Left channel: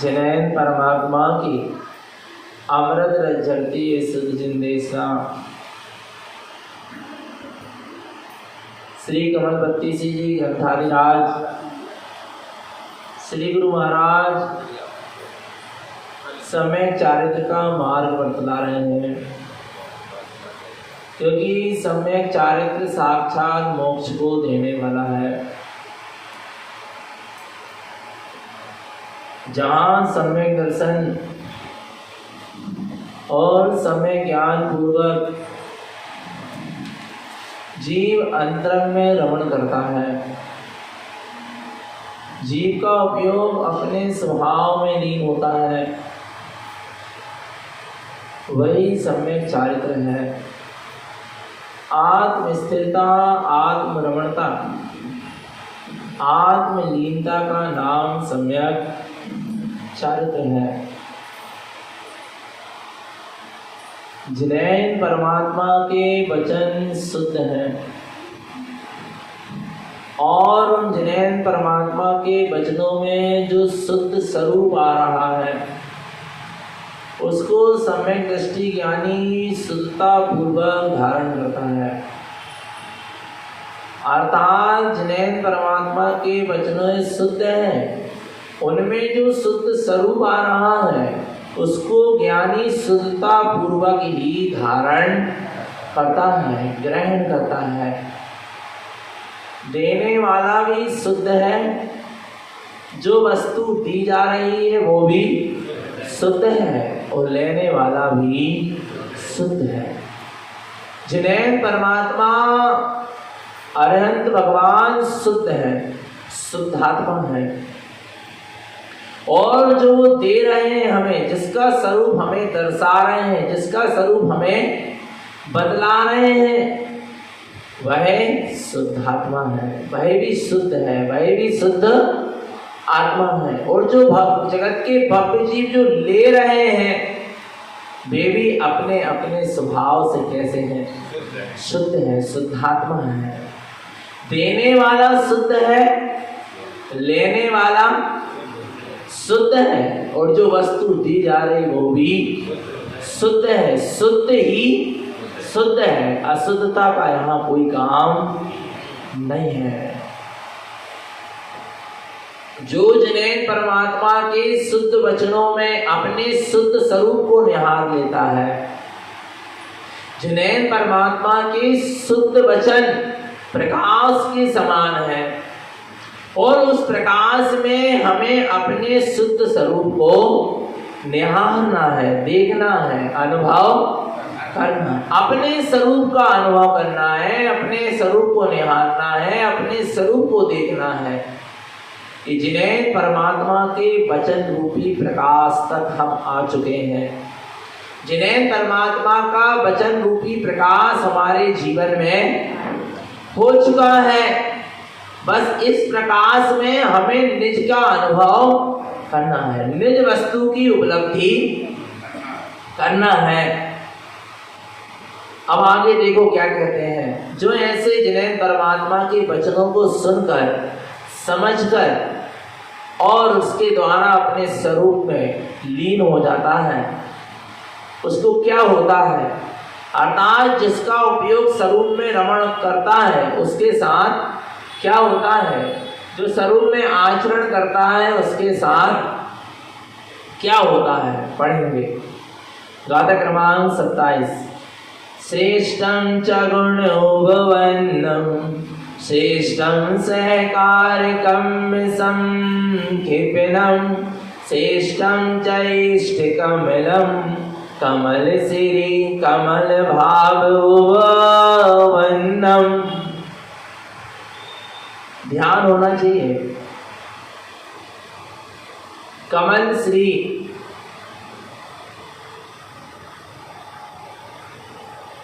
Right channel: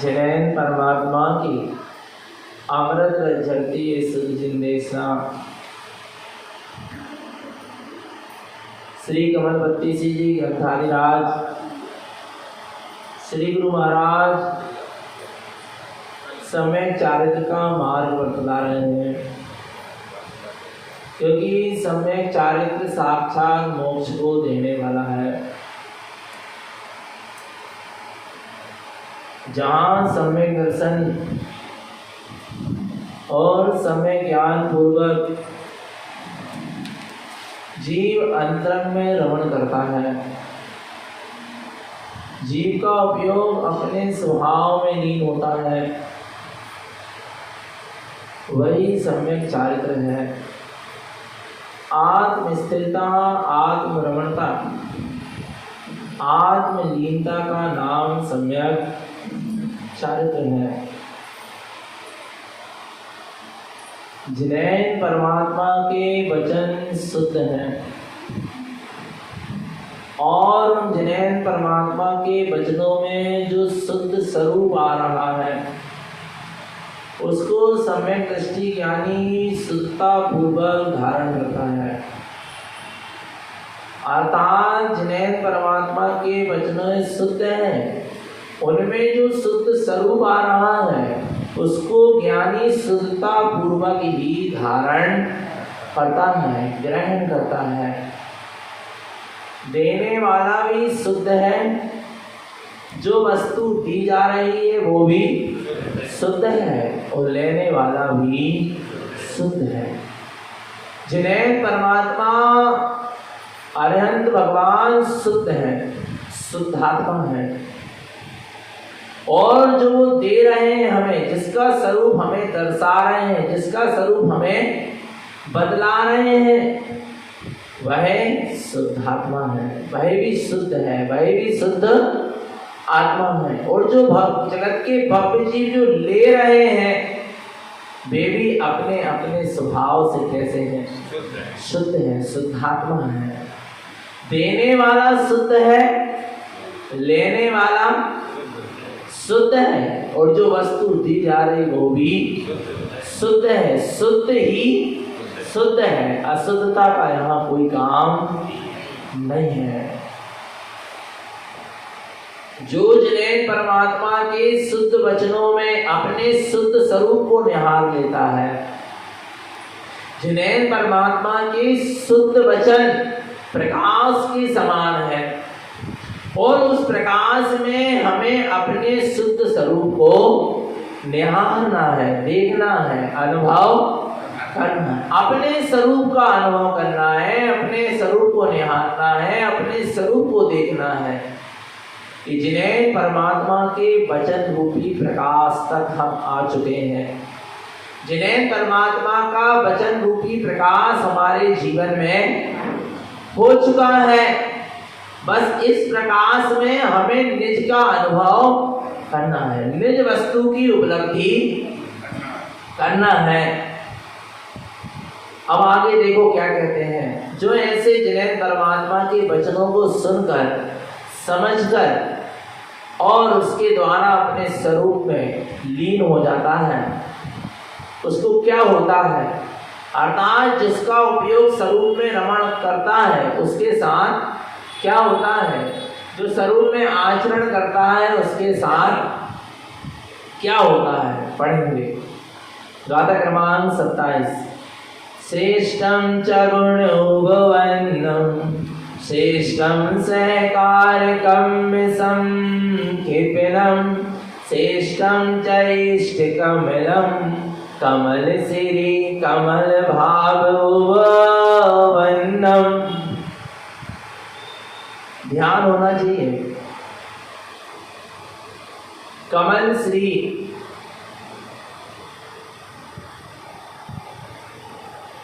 जिनैन परमात्मा की अमृत झरती सुध जिंदेसा श्री कमलपति सिंह जी ग्रंथाधिराज श्री गुरु महाराज सम्यक चारित्र का मार्ग बतला रहे हैं, क्योंकि सम्यक चारित्र साक्षात मोक्ष को देने वाला है। जहाँ सम्यक दर्शन और सम्यक ज्ञान पूर्वक जीव अंतरंग में रमण करता है, जीव का उपयोग अपने स्वभाव में लीन होता है, वही सम्यक चारित्र है। आत्म स्थिरता, आत्म रमणता, आत्मलीनता का नाम सम्यक चारित्र है। जिनैन परमात्मा के वचन शुद्ध हैं और उन जिनैन परमात्मा के वचनों में जो शुद्ध स्वरूप आ रहा है उसको सम्यक दृष्टि ज्ञानी शुद्धता पूर्वक धारण करता है। अर्थात जिनैन परमात्मा के वचन शुद्ध हैं, उनमें जो शुद्ध स्वरूप आ रहा है उसको ज्ञानी शुद्धता पूर्वक ही धारण करता है, ग्रहण करता है। देने वाला भी शुद्ध है, जो वस्तु दी जा रही है वो भी शुद्ध है और लेने वाला भी शुद्ध है। जिनैन परमात्मा अरहंत भगवान शुद्ध है, शुद्धात्मा है, और जो दे रहे हैं हमें, जिसका स्वरूप हमें दर्शा रहे हैं, जिसका स्वरूप हमें बदला रहे हैं, वह शुद्धात्मा है, वह भी शुद्ध है, वह भी शुद्ध आत्मा है। और जो जगत के भव्य जीव जो ले रहे हैं वे भी अपने अपने स्वभाव से कैसे हैं? शुद्ध है, शुद्धात्मा है। देने वाला शुद्ध है, लेने वाला शुद्ध है, और जो वस्तु दी जा रही वो भी शुद्ध है। शुद्ध ही शुद्ध है, अशुद्धता का यहाँ कोई काम नहीं है। जो जिनैन परमात्मा के शुद्ध वचनों में अपने शुद्ध स्वरूप को निहार लेता है, जिनैन परमात्मा के शुद्ध वचन प्रकाश के समान है, और उस प्रकाश में हमें अपने शुद्ध स्वरूप को निहारना है, देखना है, अनुभव करना, अपने स्वरूप का अनुभव करना है, अपने स्वरूप को निहारना है, अपने स्वरूप को देखना है। कि जिनैन परमात्मा के वचन रूपी प्रकाश तक हम आ चुके हैं। जिनैन परमात्मा का वचन रूपी प्रकाश हमारे जीवन में हो चुका है। बस इस प्रकाश में हमें निज का अनुभव करना है, निज वस्तु की उपलब्धि करना है। अब आगे देखो क्या कहते हैं। जो ऐसे जिनैन परमात्मा के वचनों को सुनकर, समझकर और उसके द्वारा अपने स्वरूप में लीन हो जाता है, उसको क्या होता है? अर्थात जिसका उपयोग स्वरूप में रमण करता है उसके साथ क्या होता है? जो स्वरूप में आचरण करता है उसके साथ क्या होता है? पढ़ेंगे। गाथा क्रमांक 27। श्रेष्ठं च गुणोपवन्नं श्रेष्ठं सहकारकं संक्षिपणं श्रेष्ठं च इष्टकमलं कमलशिरी कमलभाववन्नं। ध्यान होना चाहिए। कमल श्री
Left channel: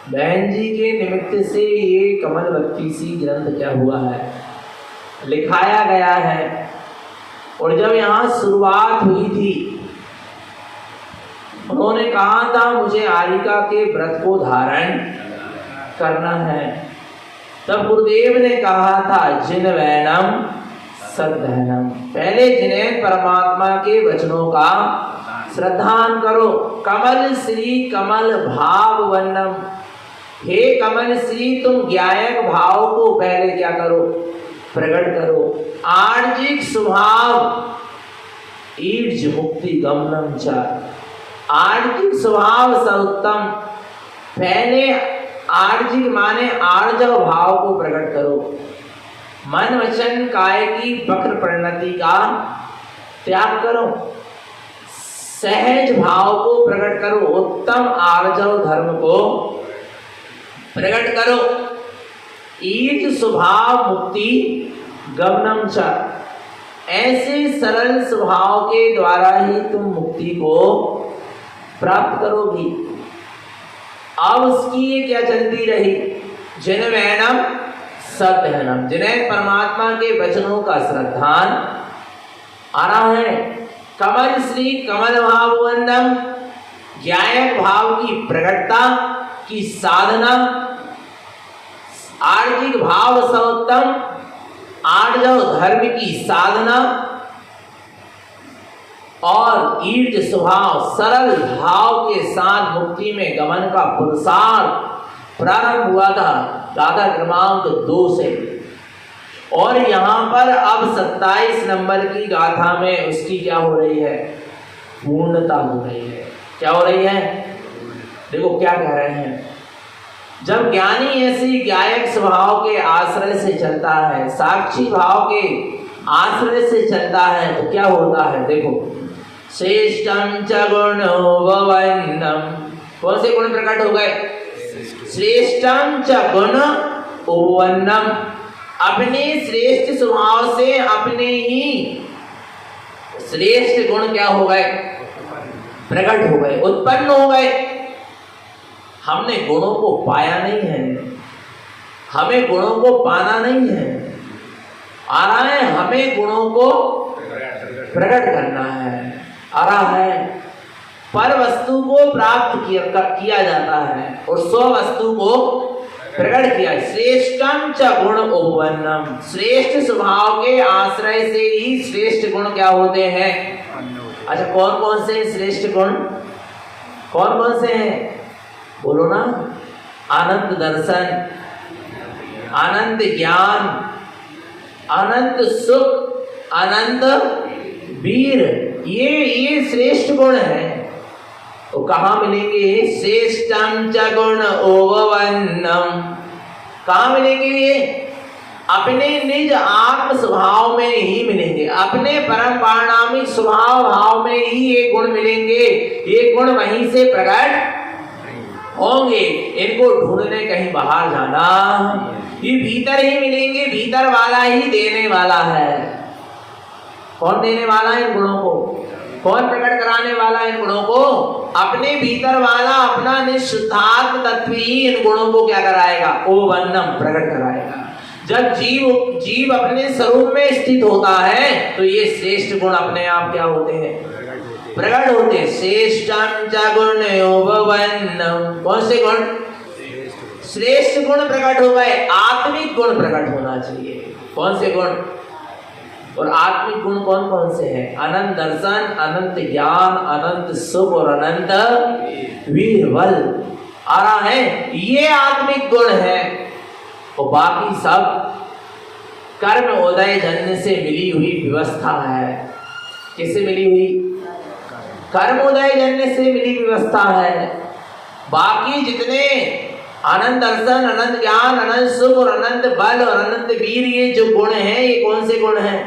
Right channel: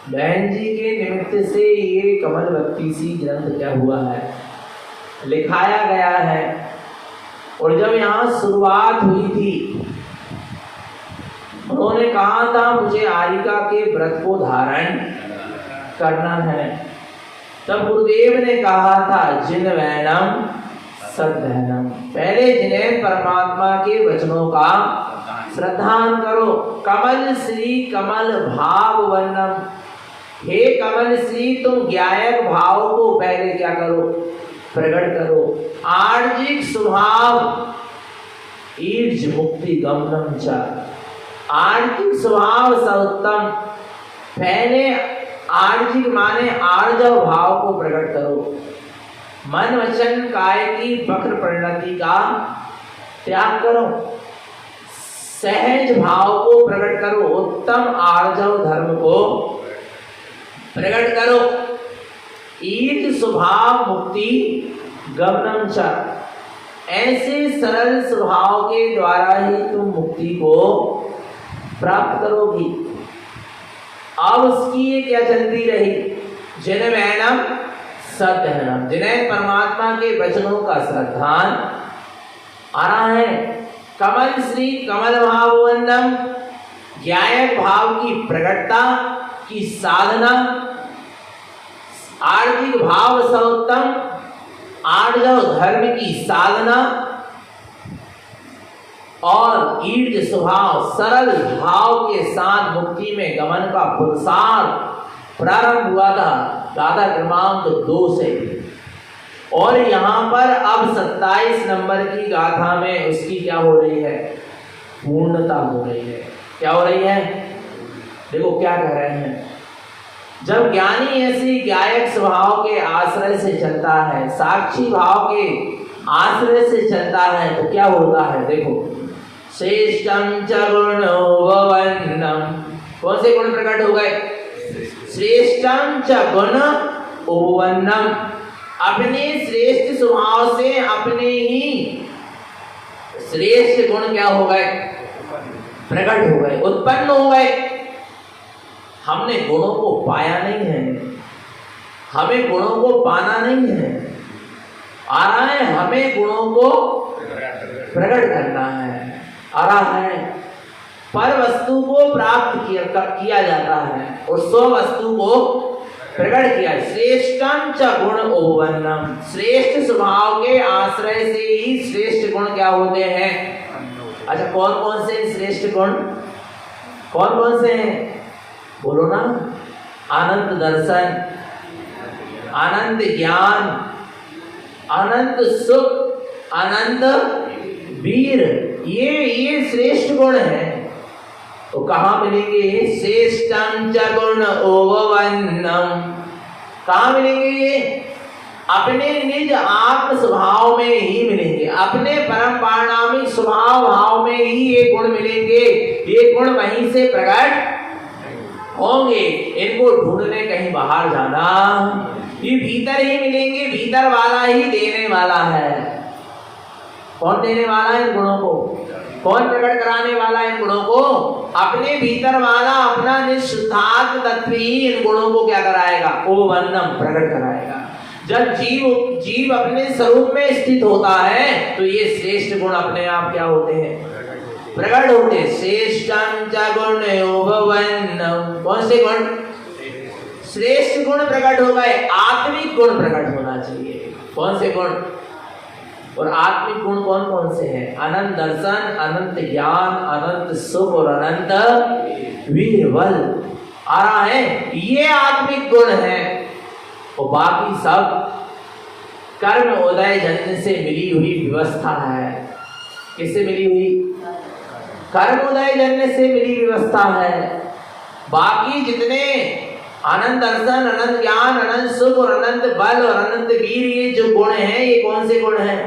बहन जी के निमित्त से ये कमलवती सी ग्रंथ क्या हुआ है, लिखाया गया है। और जब यहाँ शुरुआत हुई थी, उन्होंने कहा था मुझे आरिका के व्रत को धारण करना है। तब गुरुदेव ने कहा था जिन वैनम सद्धनम, पहले जिन्हें परमात्मा के वचनों का श्रद्धान करो। कमल श्री कमल भाव वर्णम, हे कमल श्री तुम ज्ञायक भाव को पहले क्या करो, प्रकट करो। आर्जिक स्वभाव ईर्ज मुक्ति गमनम च, आर्जिक स्वभाव सर्वोत्तम, पहले आर्जिक माने आर्जव भाव को प्रकट करो। मन वचन काय की वक्र परिणति का त्याग करो, सहज भाव को प्रकट करो, उत्तम आर्जव धर्म को प्रकट करो। ईर्ज स्वभाव मुक्ति गमनम च, ऐसे सरल स्वभाव के द्वारा ही तुम मुक्ति को प्राप्त करोगी। अब उसकी ये क्या चलती रही, जिन्वैनम सत्यहनम, जिन्हें परमात्मा के वचनों का श्रद्धान आ रहा है। कमल श्री कमल भाव वंदम, ज्ञायक भाव की प्रकटता की साधना, आर्थिक भाव सर्वोत्तम, आर्जव धर्म की साधना और ईर्ज स्वभाव सरल भाव के साथ मुक्ति में गमन का पुरुषार्थ प्रारंभ हुआ था दादा क्रमांक 2 से। और यहाँ पर अब 27 नंबर की गाथा में उसकी क्या हो रही है, पूर्णता हो रही है। क्या हो रही है, देखो क्या कह रहे हैं। जब ज्ञानी ऐसी गायक स्वभाव के आश्रय से चलता है, साक्षी भाव के आश्रय से चलता है, तो क्या होता है, देखो। श्रेष्ठम च गुणोपवन्नम, कौन से गुण प्रकट हो गए, श्रेष्ठम च गुण उपवन्नम, अपने श्रेष्ठ स्वभाव से अपने ही श्रेष्ठ गुण क्या हो गए, प्रकट हो गए, उत्पन्न हो गए। हमने गुणों को पाया नहीं है, हमें गुणों को पाना नहीं है, आ रहा है हमें गुणों को प्रकट करना है, आ रहा है। पर वस्तु को प्राप्त किया जाता है और स्व वस्तु को प्रकट किया। श्रेष्ठम च गुण उपवन्नम, श्रेष्ठ स्वभाव के आश्रय से ही श्रेष्ठ गुण क्या होते हैं। अच्छा, कौन कौन से श्रेष्ठ गुण, कौन कौन से हैं, बोलो ना। अनंत दर्शन, अनंत ज्ञान, अनंत सुख, अनंत वीर, ये श्रेष्ठ गुण है। तो कहाँ मिलेंगे, श्रेष्ठम च गुण उपवन्नम, कहाँ मिलेंगे ये, अपने निज आत्म स्वभाव में ही मिलेंगे, अपने परम पारणामिक स्वभाव भाव में ही ये गुण मिलेंगे। ये गुण वहीं से प्रकट होंगे, इनको ढूंढने कहीं बाहर जाना, ये भीतर ही मिलेंगे, भीतर वाला ही देने वाला है। कौन देने वाला है इन गुणों को, कौन प्रकट कराने वाला है इन गुणों को, अपने भीतर वाला अपना निःशुद्धात्म तत्व ही इन गुणों को क्या कराएगा, उपवन्नम, प्रकट कराएगा। जब जीव अपने स्वरूप में स्थित होता है तो ये श्रेष्ठ गुण अपने आप क्या होते हैं, प्रकट होते। श्रेष्ठम च गुण उपवन्नम, कौन से गुण, श्रेष्ठ गुण प्रकट हो गए, आत्मिक गुण प्रकट होना चाहिए। कौन से गुण, और आत्मिक गुण कौन कौन से हैं, अनंत दर्शन, अनंत ज्ञान, अनंत सुख और अनंत वीर बल, आ रहा है, ये आत्मिक गुण है। और बाकी सब कर्म उदय जन्य से मिली हुई व्यवस्था है। किससे मिली हुई, कर्म उदय जन्य से मिली व्यवस्था है। बाकी जितने अनंत दर्शन, अनंत ज्ञान, अनंत सुख और अनंत बल और अनंत वीर, ये जो गुण हैं, ये कौन से गुण हैं,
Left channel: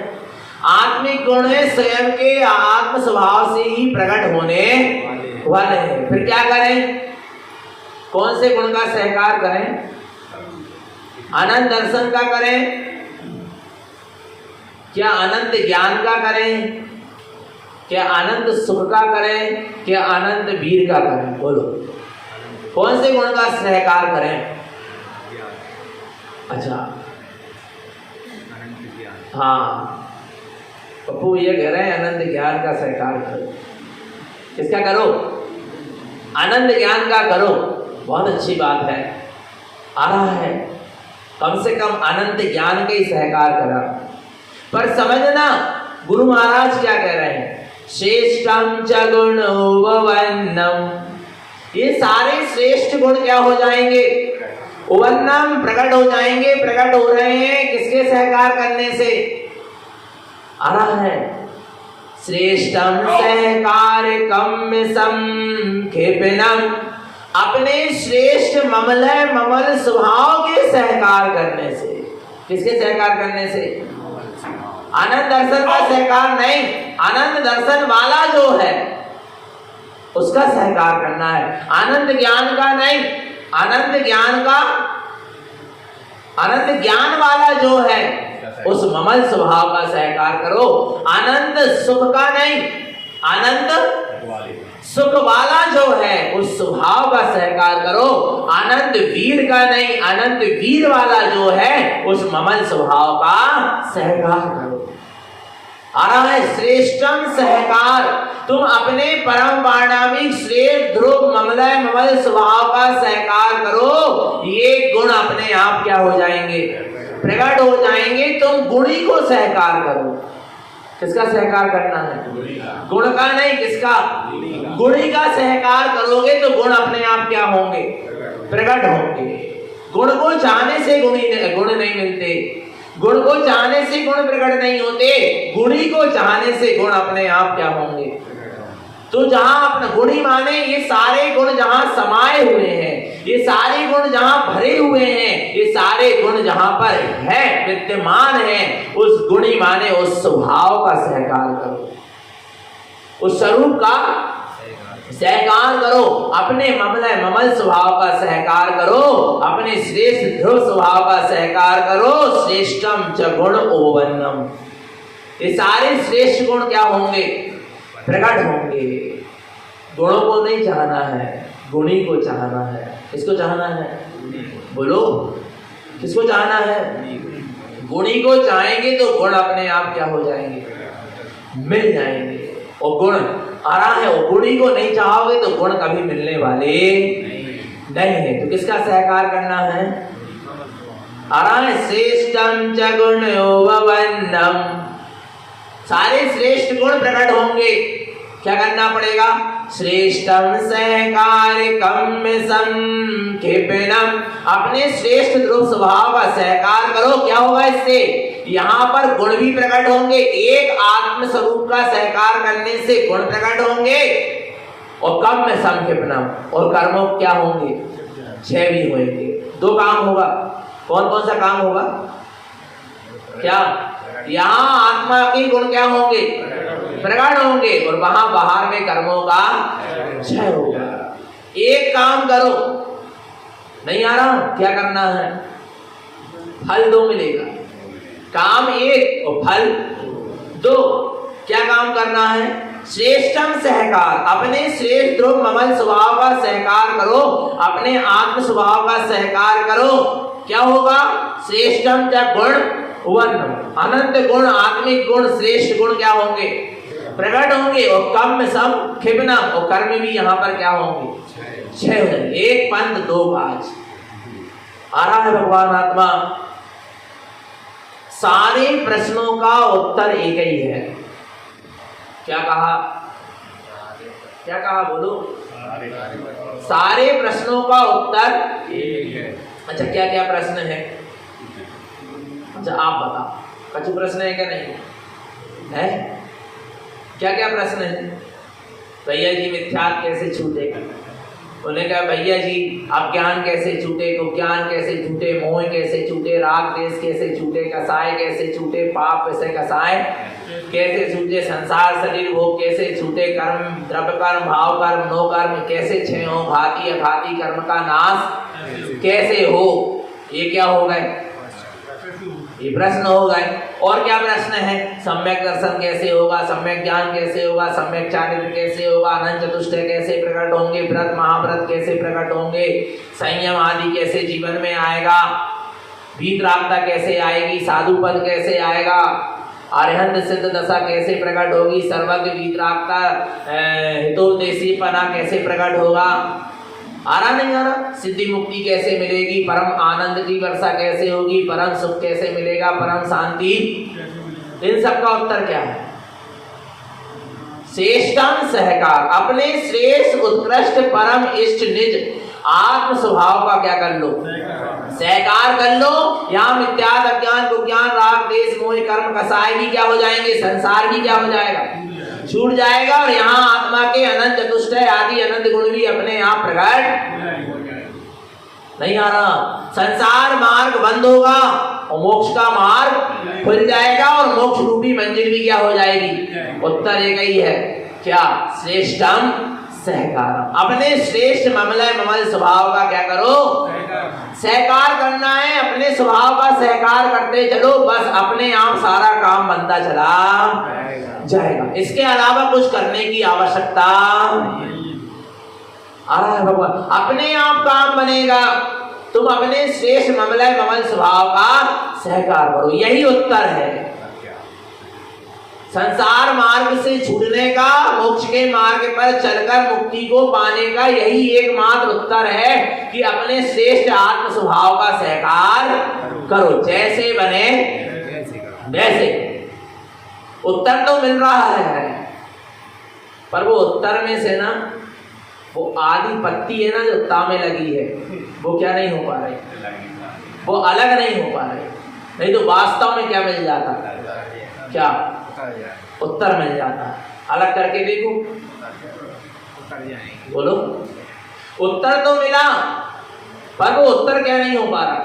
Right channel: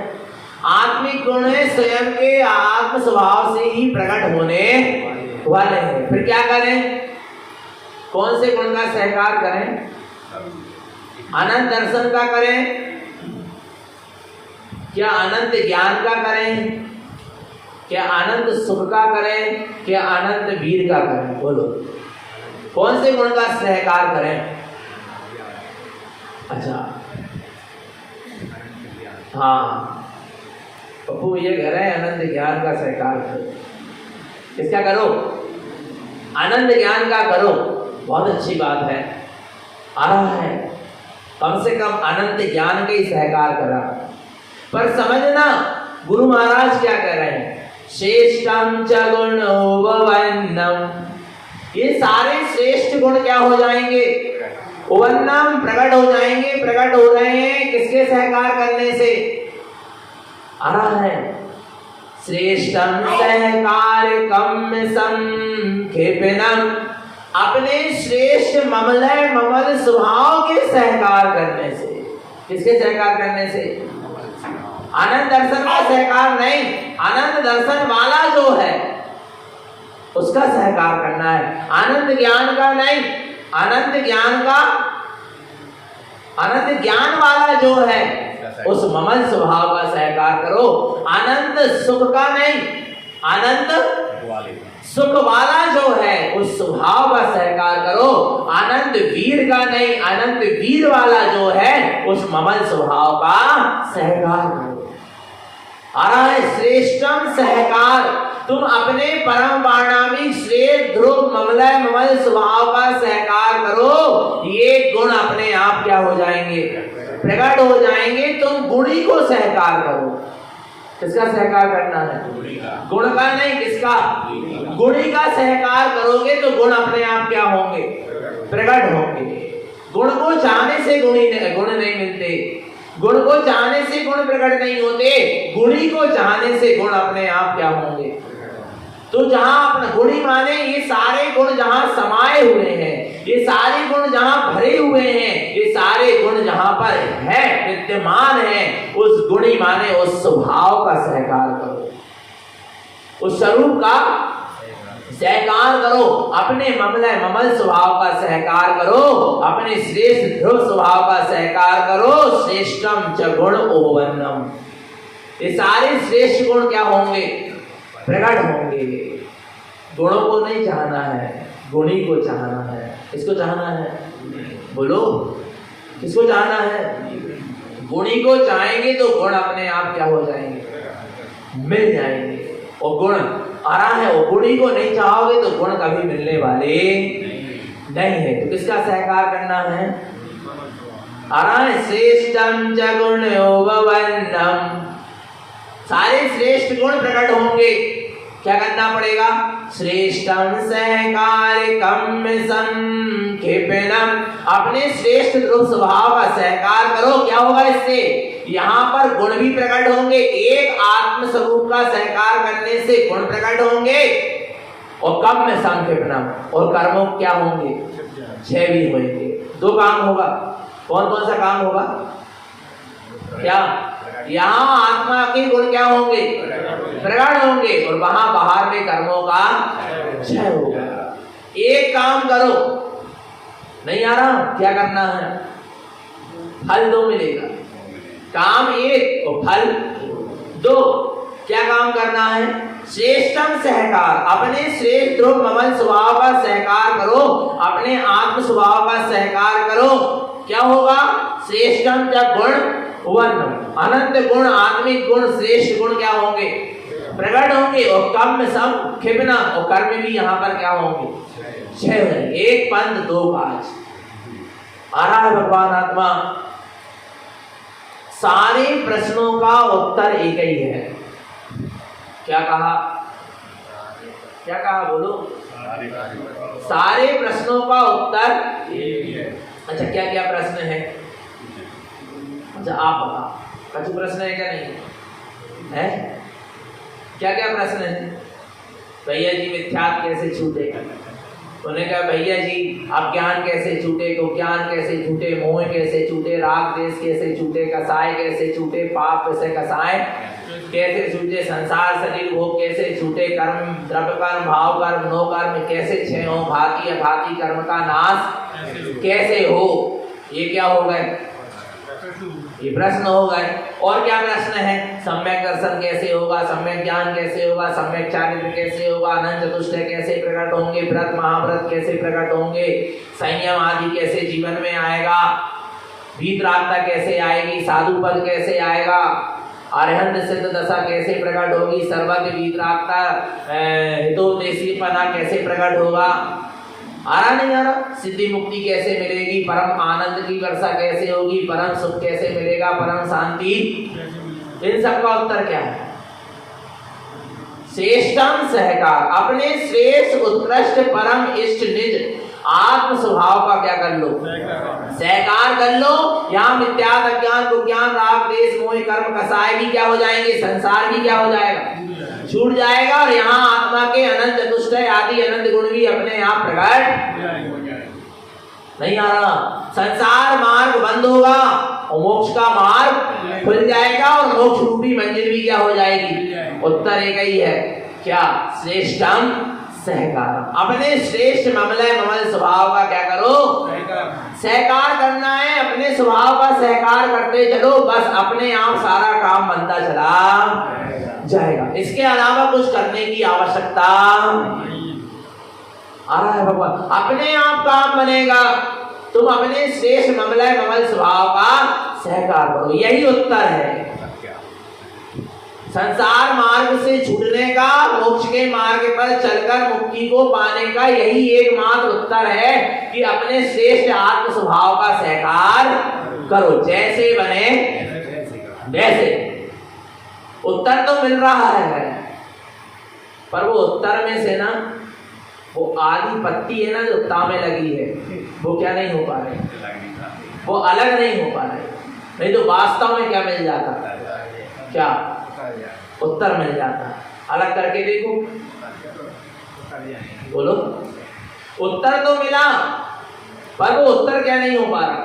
आत्मिक गुण है, स्वयं के आत्म स्वभाव से ही प्रकट होने वाले हैं। फिर क्या करें, कौन से गुण का सहकार करें, अनंत दर्शन का करें, क्या अनंत ज्ञान का करें, क्या अनंत सुख का करें, क्या अनंत वीर का करें, बोलो कौन से गुण का सहकार करें। अच्छा, हाँ, पप्पू ये कह रहे हैं अनंत ज्ञान का सहकार करो। किसका करो, अनंत ज्ञान का करो, बहुत अच्छी बात है, आ रहा है, कम से कम अनंत ज्ञान का ही सहकार करा। पर समझना, गुरु महाराज क्या कह रहे हैं? श्रेष्ठम च गुणोपवन्नम, ये सारे श्रेष्ठ गुण क्या हो जाएंगे? उपवन्नम, प्रकट हो जाएंगे। प्रकट हो रहे हैं किसके सहकार करने से? आ रहा है श्रेष्ठम सहकारकम संक्षेपणम, अपने श्रेष्ठ ममल स्वभाव के सहकार करने से। किसके सहकार करने से? आनंद दर्शन का सहकार नहीं, आनंद दर्शन वाला जो है उसका सहकार करना है, आनंद ज्ञान का नहीं। आनंद ज्ञान वाला जो है उस ममल स्वभाव का सहकार करो। आनंद सुख का नहीं, आनंद सुख वाला जो है उस स्वभाव का सहकार करो। आनंद वीर का नहीं, आनंद वीर वाला जो है उस ममल स्वभाव का सहकार करो। आ रहा है श्रेष्ठम सहकार, तुम अपने परम वाणामिक श्रेष्ठ ध्रुव ममल स्वभाव का सहकार करो। ये गुण अपने आप क्या हो जाएंगे? प्रकट हो जाएंगे। तुम गुणी को सहकार करो। किसका सहकार करना है? गुण का नहीं, किसका? गुणी का सहकार करोगे तो गुण अपने आप क्या होंगे? प्रकट होंगे। गुण को चाहने से गुण नहीं मिलते, गुण को चाहने से गुण प्रकट नहीं होते, गुणी को चाहने से गुण अपने आप क्या होंगे? तो जहां अपना गुणी माने ये सारे गुण जहां समाये हुए हैं, ये सारे गुण जहां भरे हुए हैं, ये सारे गुण जहां पर है विद्यमान है, उस गुणी माने उस स्वभाव का सहकार करो, उस स्वरूप का सहकार करो। अपने ममल स्वभाव का सहकार करो, अपने श्रेष्ठ ध्रुव स्वभाव का सहकार करो। श्रेष्ठम च गुण उपवन्नम, ये सारे श्रेष्ठ गुण क्या होंगे? प्रकट होंगे। गुणों को नहीं चाहना है, गुणी को चाहना है। किसको चाहना है? बोलो, किसको चाहना है? गुणी को चाहेंगे तो गुण अपने आप क्या हो जाएंगे? मिल जाएंगे। और गुण आ रहा है, और गुणी को नहीं चाहोगे तो गुण कभी मिलने वाले नहीं है। तो किसका सहकार करना है? आ रहा है श्रेष्ठम च गुणोपवन्नम, सारे श्रेष्ठ गुण प्रकट होंगे। क्या करना पड़ेगा? श्रेष्ठम सहकारकम संक्षेपणम, अपने श्रेष्ठ ध्रुव स्वभाव का सहकार करो। क्या होगा इससे? यहाँ पर गुण भी प्रकट होंगे। एक आत्म स्वरूप का सहकार करने से गुण प्रकट होंगे, और कम में संक्षेपणम, और कर्मों क्या होंगे? 6 भी होंगे। 2 काम होगा। कौन कौन सा काम होगा? क्या? यहाँ आत्मा के गुण क्या होंगे? प्रकट होंगे, और वहां बाहर में कर्मों का क्षय होगा। एक काम करो, नहीं आ रहा? क्या करना है? फल 2 मिलेगा। काम 1 और फल 2। क्या काम करना है? श्रेष्ठम सहकार, अपने श्रेष्ठ ध्रुव ममल स्वभाव का सहकार करो, अपने आत्म स्वभाव का सहकार करो। क्या होगा? श्रेष्ठम च गुण उपवन्नम, अनंत गुण, आत्मिक गुण, श्रेष्ठ गुण क्या होंगे? प्रकट होंगे। और कम संक्षेपणम, और कर्म भी यहाँ पर क्या होंगे? 6। 1 पंथ 2 काज। आ रहा है भगवान आत्मा। सारे प्रश्नों का उत्तर एक ही है। क्या कहा? क्या कहा? बोलो। सारे प्रश्नों का उत्तर एक है। अच्छा, क्या क्या प्रश्न है? अच्छा, आप बताओ। कछु प्रश्न है क्या? नहीं है? क्या क्या प्रश्न है? भैया जी मिथ्यात्व कैसे छूटेगा? उन्होंने कहा भैया जी अज्ञान कैसे छूटे, तो ज्ञान कैसे छूटे, मोह कैसे छूटे, राग देश कैसे छूटे, कसाय कैसे छूटे, पाप कैसे कसाय कैसे छूटे, संसार शरीर भोग कैसे छूटे, कर्म द्रव्य कर्म भाव कर्म नो कर्म कैसे क्षय हो, घाती अघाती कर्म का नाश कैसे हो। ये क्या हो गए? ये प्रश्न हो गए। और क्या प्रश्न है? सम्यक दर्शन कैसे होगा, सम्यक ज्ञान कैसे होगा, सम्यक चारित्र कैसे होगा, अनंत चतुष्ट कैसे प्रकट होंगे, व्रत महाव्रत कैसे प्रकट होंगे, संयम आदि कैसे जीवन में आएगा, वीतरागता कैसे आएगी, साधु पद कैसे आएगा, अरहंत सिद्ध दशा कैसे प्रकट होगी, सर्वज्ञ वीतरागता हितोपदेशी पना कैसे प्रकट होगा। आ रहा नहीं आ रहा? सिद्धि मुक्ति कैसे मिलेगी, परम आनंद की वर्षा कैसे होगी, परम सुख कैसे मिलेगा, परम शांति, इन सब का उत्तर क्या है? श्रेष्ठम सहकार, अपने श्रेष्ठ उत्कृष्ट परम इष्ट निज आत्म स्वभाव का क्या कर लो, सहकार कर लो। यहाँ मिथ्यात अज्ञान विज्ञान राग देश मोह कर्म कसाय भी क्या हो जाएंगे, संसार भी क्या हो जाएगा, छूट जाएगा। और यहाँ आत्मा के अनंत चतुष्टय आदि अनंत गुण भी अपने यहाँ प्रकट नहीं आ रहा। संसार मार्ग बंद होगा और मोक्ष का मार्ग खुल जाएगा और मोक्ष रूपी मंजिल भी क्या हो जाएगी। उत्तर एक ही है, क्या, श्रेष्ठम सहकार, अपने श्रेष्ठ ममल स्वभाव का क्या करो, सहकार करना है। अपने स्वभाव का सहकार करते चलो, बस अपने आप सारा काम बनता चला जाएगा। इसके अलावा कुछ करने की आवश्यकता आ रहा है भगवान, अपने आप काम बनेगा। तुम अपने श्रेष्ठ ममल स्वभाव का सहकार करो, यही उत्तर है। संसार मार्ग से छूटने का, मोक्ष के मार्ग पर चलकर मुक्ति को पाने का यही एकमात्र उत्तर है कि अपने श्रेष्ठ आत्म स्वभाव का सहकार करो, जैसे बने वैसे। उत्तर तो मिल रहा है, पर वो उत्तर में से ना वो आधी पत्ती है ना जो तामे लगी है, वो क्या नहीं हो पा रही, वो अलग नहीं हो पा रही। नहीं तो वास्तव में क्या मिल जाता, क्या उत्तर मिल जाता। अलग करके देखो, बोलो, उत्तर तो मिला पर वो उत्तर क्या नहीं हो पा रहा,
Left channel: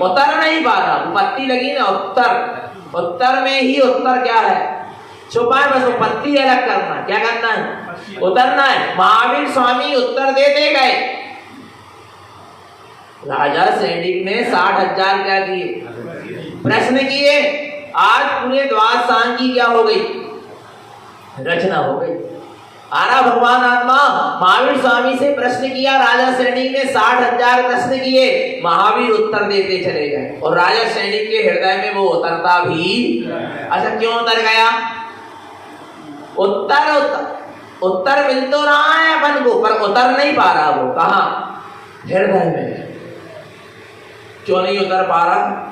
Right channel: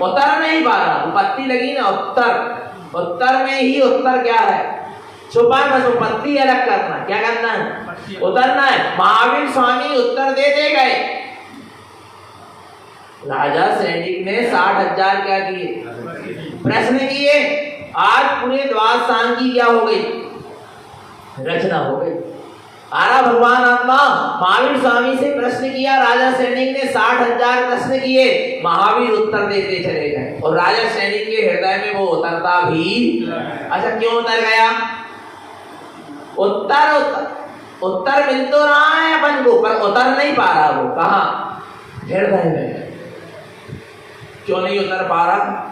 उत्तर नहीं पा रहा। पत्ती लगी ना, उत्तर, उत्तर में ही उत्तर क्या है छुपा है, बस वो पत्ती अलग करना, क्या करना है, उतरना है। महावीर स्वामी उत्तर देते गए। राजा सैनिक ने 60,000 क्या किए, प्रश्न किए। आज पूरे द्वादश सांग की क्या हो गई, रचना हो गई। आरा भगवान आत्मा महावीर स्वामी से प्रश्न किया, राजा सैनिक ने 60,000 प्रश्न किए, महावीर उत्तर देते चले गए और राजा सैनिक के हृदय में वो उतरता भी। अच्छा, क्यों उतर गया? उत्तर मिल तो रहा है अपन को, पर उतर नहीं पा रहा। वो कहा, हृदय में। क्यों नहीं उतर पा रहा?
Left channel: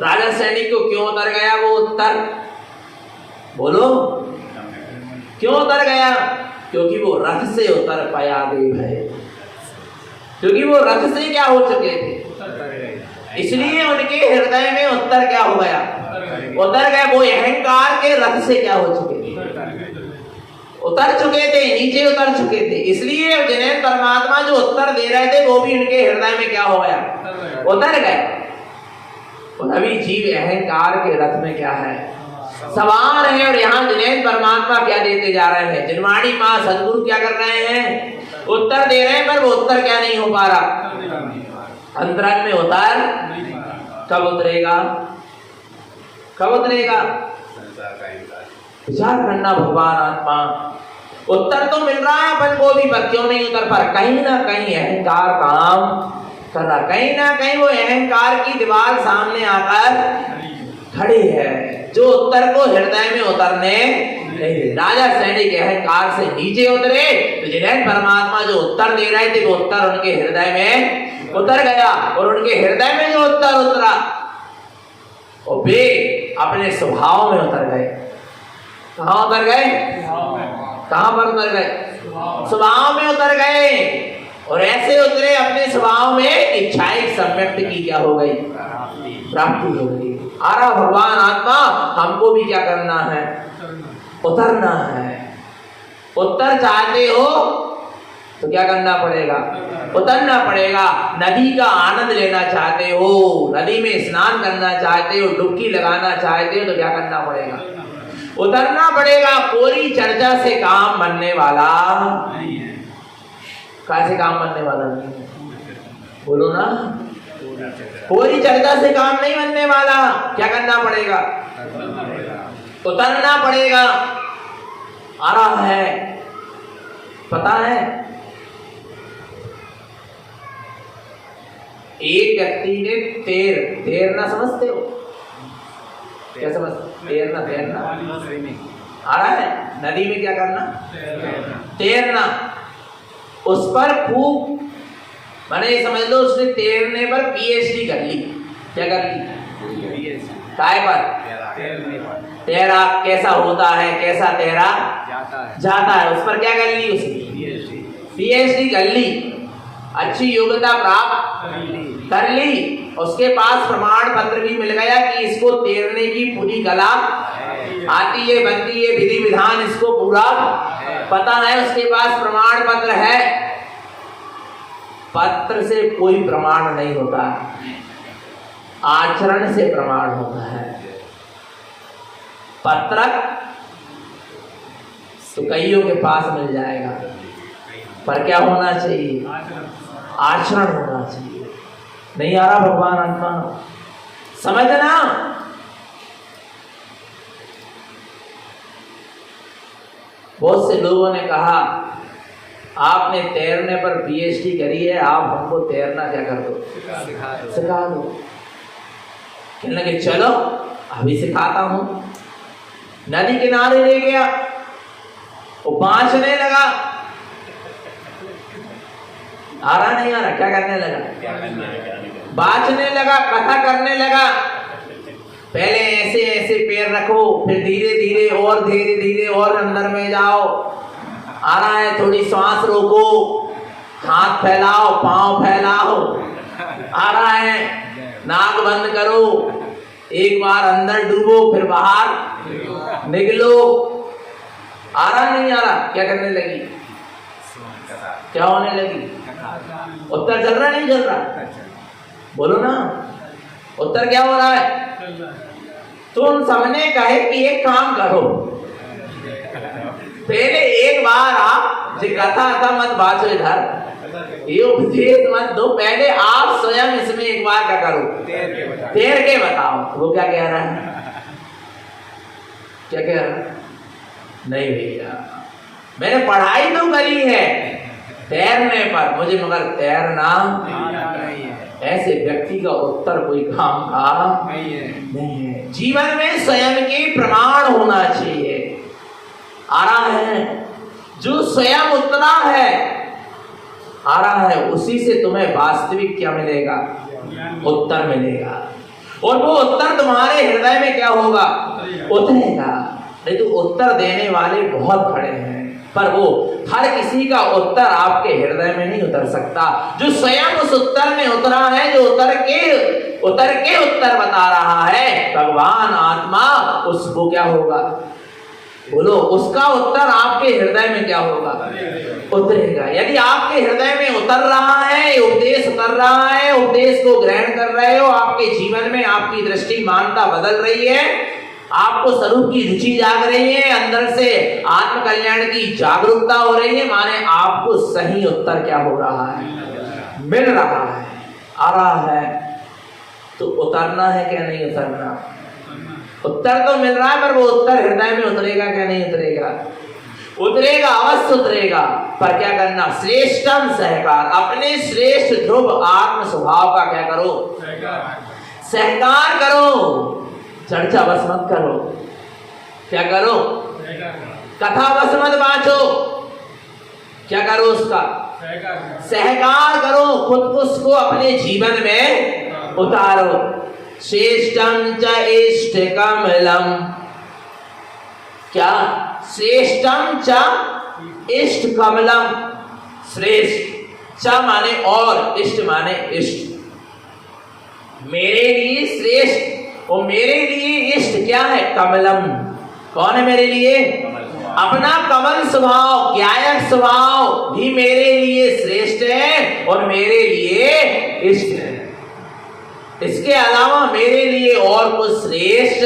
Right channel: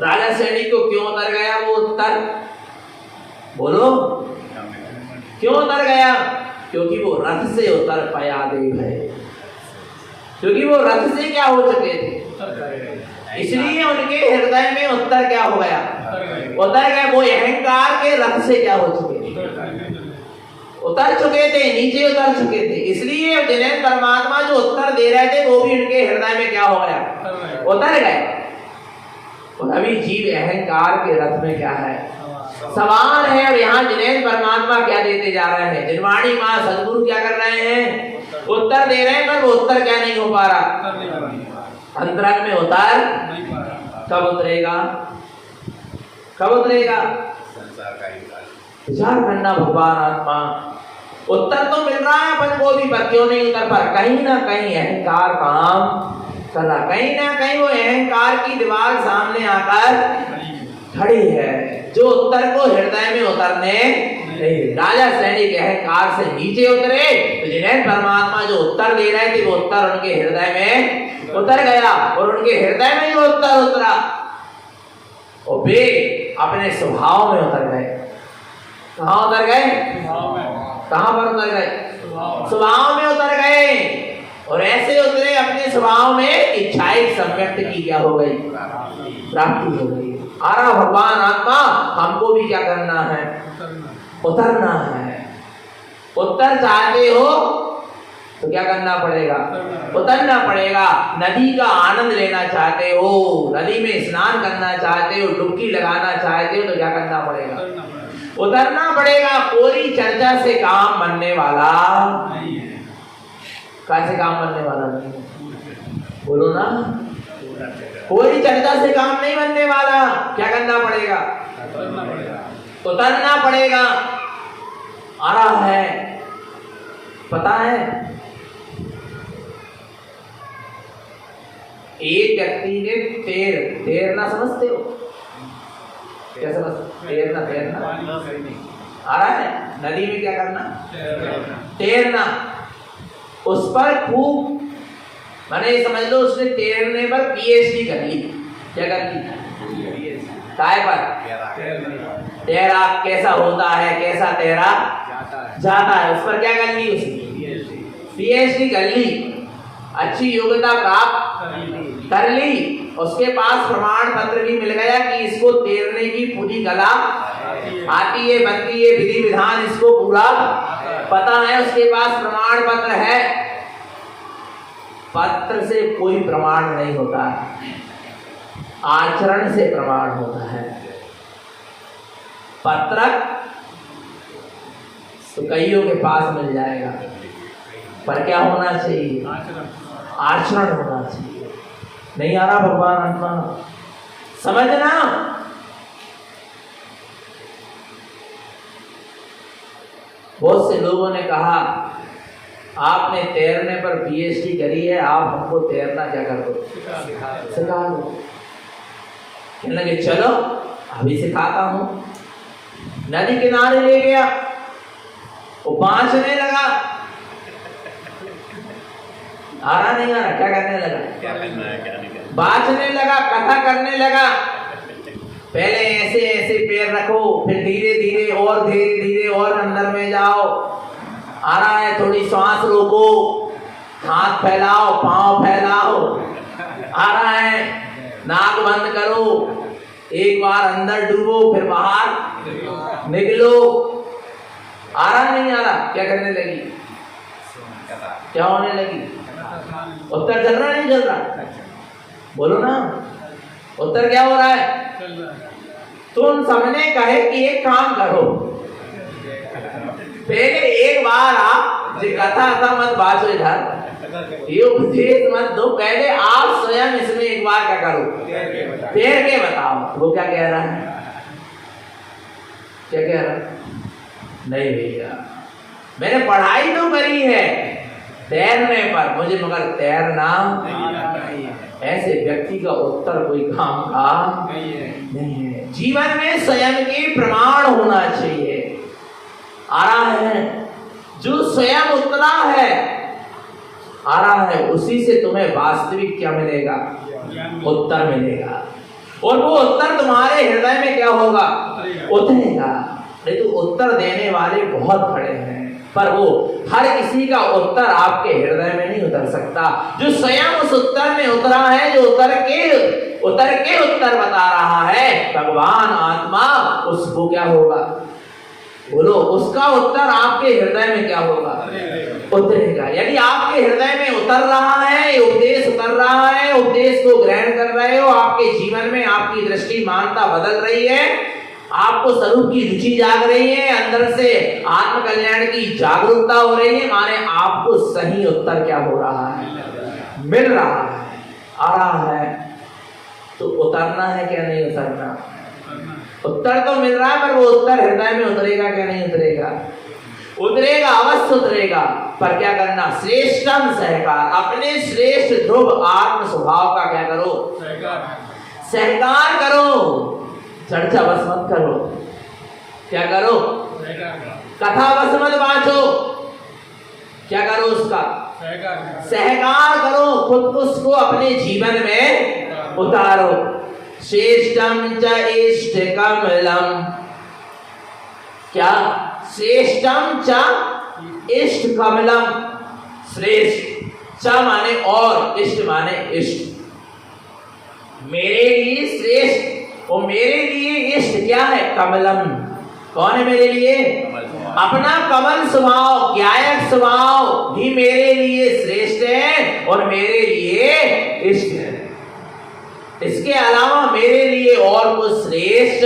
राजा सैनिक को क्यों उतर गया वो उत्तर, बोलो, क्यों उतर गया? क्योंकि वो रथ से उतर पाया देव है, क्योंकि वो रथ से क्या हो चुके थे, इसलिए उनके हृदय में उत्तर क्या हो गया, उतर गए। वो अहंकार के रथ से क्या हो चुके थे, उतर चुके थे, नीचे उतर चुके थे। इसलिए जिन्हें परमात्मा जो उत्तर दे रहे थे वो भी उनके हृदय में क्या हो गया, उतर गए। अभी जीव अहंकार के रथ में क्या है, सवार है। और यहाँ जिन्हें परमात्मा क्या देते जा रहे हैं, जिनवाणी माँ सदगुरु क्या कर रहे हैं, उत्तर दे रहे हैं, पर वो उत्तर क्या नहीं हो पा रहा, अंतरंग में उतर कब उतरेगा, कब उतरेगा? विचार करना भगवान आत्मा। उत्तर तो मिल रहा है अपन को भी, पर क्यों नहीं उतर पा रहा? कहीं ना कहीं अहंकार काम कर रहा, कहीं ना कहीं वो अहंकार की दीवार सामने आकर खड़ी है, जो उत्तर को हृदय में उतरने नहीं। राजा सैनिक अहंकार से नीचे उतरे, तो जिन्हें परमात्मा जो उत्तर दे रहे थे वो उत्तर उनके हृदय में उतर गया। और उनके हृदय में जो उत्तर उतरा, और वे अपने स्वभाव में उतर गए। कहाँ उतर गए? कहाँ पर उतर गए? स्वभाव में उतर गए। और ऐसे उतरे अपने स्वभाव में, इच्छाएं सम्यक्त की क्या हो गई, प्राप्ति हो गई। आरा भगवान आत्मा हमको भी क्या करना है, उतरना है। उत्तर चाहते हो तो क्या करना पड़ेगा, उतरना पड़ेगा। नदी का आनंद लेना चाहते हो, नदी में स्नान करना चाहते हो, डुबकी लगाना चाहते हो, तो क्या करना पड़ेगा, उतरना पड़ेगा। पूरी चर्चा से काम बनने वाला नहीं है। कैसे काम बनने वाला नहीं, बोलो ना, पूरी चर्चा से काम नहीं बनने वाला। क्या करना पड़ेगा, उतरना पड़ेगा। आ रहा है, पता है, एक व्यक्ति ने तैरना समझते हो, क्या समझते? तैरना आ रहा है, नदी में क्या करना, तैरना। उस पर खूब, मैंने समझ लो उसने तैरने पर PhD कर ली। क्या कर ली? काय पर? तैराक कैसा होता है, कैसा तैरा जाता है, उस पर क्या कर ली उसने? पीएचडी कर ली, अच्छी योग्यता प्राप्त कर ली, उसके पास प्रमाण पत्र भी मिल गया कि इसको तैरने की पूरी कला आती है, बनती है, विधि विधान इसको पूरा पता है, उसके पास प्रमाण पत्र है। पत्र से कोई प्रमाण नहीं होता, आचरण से प्रमाण होता है। पत्रक तो कईयों के पास मिल जाएगा, पर क्या होना चाहिए? आचरण होना चाहिए। नहीं आ रहा भगवान आत्मा समझना। बहुत से लोगों ने कहा आपने तैरने पर पीएचडी करी है, आप हमको तैरना क्या कर दो, सिखा दो। कहने लगे चलो अभी सिखाता हूं। नदी किनारे ले गया, वो बांचने लगा, आ रहा नहीं आ रहा, क्या करने लगा? बांचने लगा, कथा करने लगा। पहले ऐसे ऐसे पैर रखो, फिर धीरे धीरे और धीरे धीरे और अंदर में जाओ। आ रहा है, थोड़ी सांस रोको, हाथ फैलाओ, पांव फैलाओ। आ रहा है, नाक बंद करो, एक बार अंदर डूबो, फिर बाहर निकलो। आ रहा नहीं आ रहा, क्या करने लगी? क्या होने लगी? उत्तर चल रहा नहीं चल रहा? बोलो ना, उत्तर क्या हो रहा है? तुम सबने कहे कि एक काम करो, पहले एक बार आप जो कथा था मत बाजो, इधर ये उपदेश मत दो, पहले आप स्वयं इसमें एक बार क्या करो, तैर के बताओ। वो क्या कह रहा है? क्या कह रहा है? नहीं भैया, मैंने पढ़ाई तो करी है तैरने पर, मुझे मगर तैरना नहीं है। ऐसे व्यक्ति का उत्तर कोई काम का नहीं है। जीवन में स्वयं के प्रमाण होना चाहिए। आ रहा है, जो स्वयं उतरा है, आ रहा है, उसी से तुम्हें वास्तविक क्या मिलेगा? उत्तर मिलेगा। और वो उत्तर तुम्हारे हृदय में क्या होगा? उतरेगा। नहीं तो उत्तर देने वाले बहुत खड़े हैं, पर वो हर किसी का उत्तर आपके हृदय में नहीं उतर सकता। जो स्वयं उस उत्तर में उतरा है, जो उतर के उत्तर बता रहा है, भगवान आत्मा, उसको क्या होगा? बोलो, उसका उत्तर आपके हृदय में क्या होगा? उतरेगा। यदि आपके हृदय में उतर रहा है, उपदेश उतर रहा है, उपदेश को ग्रहण कर रहे हो, आपके जीवन में आपकी दृष्टि मानता बदल रही है, आपको स्वरूप की रुचि जाग रही है, अंदर से आत्म कल्याण की जागरूकता हो रही है, माने आपको सही उत्तर क्या हो रहा है? मिल रहा है, आ रहा है। तो उतरना है क्या नहीं उतरना? उत्तर तो मिल रहा है, पर वो उत्तर हृदय में उतरेगा क्या नहीं उतरेगा? उतरेगा, अवश्य उतरेगा। पर क्या करना? श्रेष्ठम सहकार, अपने श्रेष्ठ ध्रुव आत्म स्वभाव का क्या करो? सहकार करो। चर्चा बस मत करो, क्या करो? कथा बस मत बाँचो, क्या करो? उसका सहकार करो, खुद उसको अपने जीवन में उतारो। श्रेष्ठम च इष्ट कमलम, क्या? श्रेष्ठम च इष्ट कमलम, श्रेष्ठ, च माने और, इष्ट माने इष्ट। मेरे लिए श्रेष्ठ और मेरे लिए इष्ट क्या है? कमलम। कौन है मेरे लिए? अपना कमल स्वभाव, ज्ञायक स्वभाव भी मेरे लिए श्रेष्ठ है और मेरे लिए इष्ट है। इसके अलावा मेरे लिए और कुछ श्रेष्ठ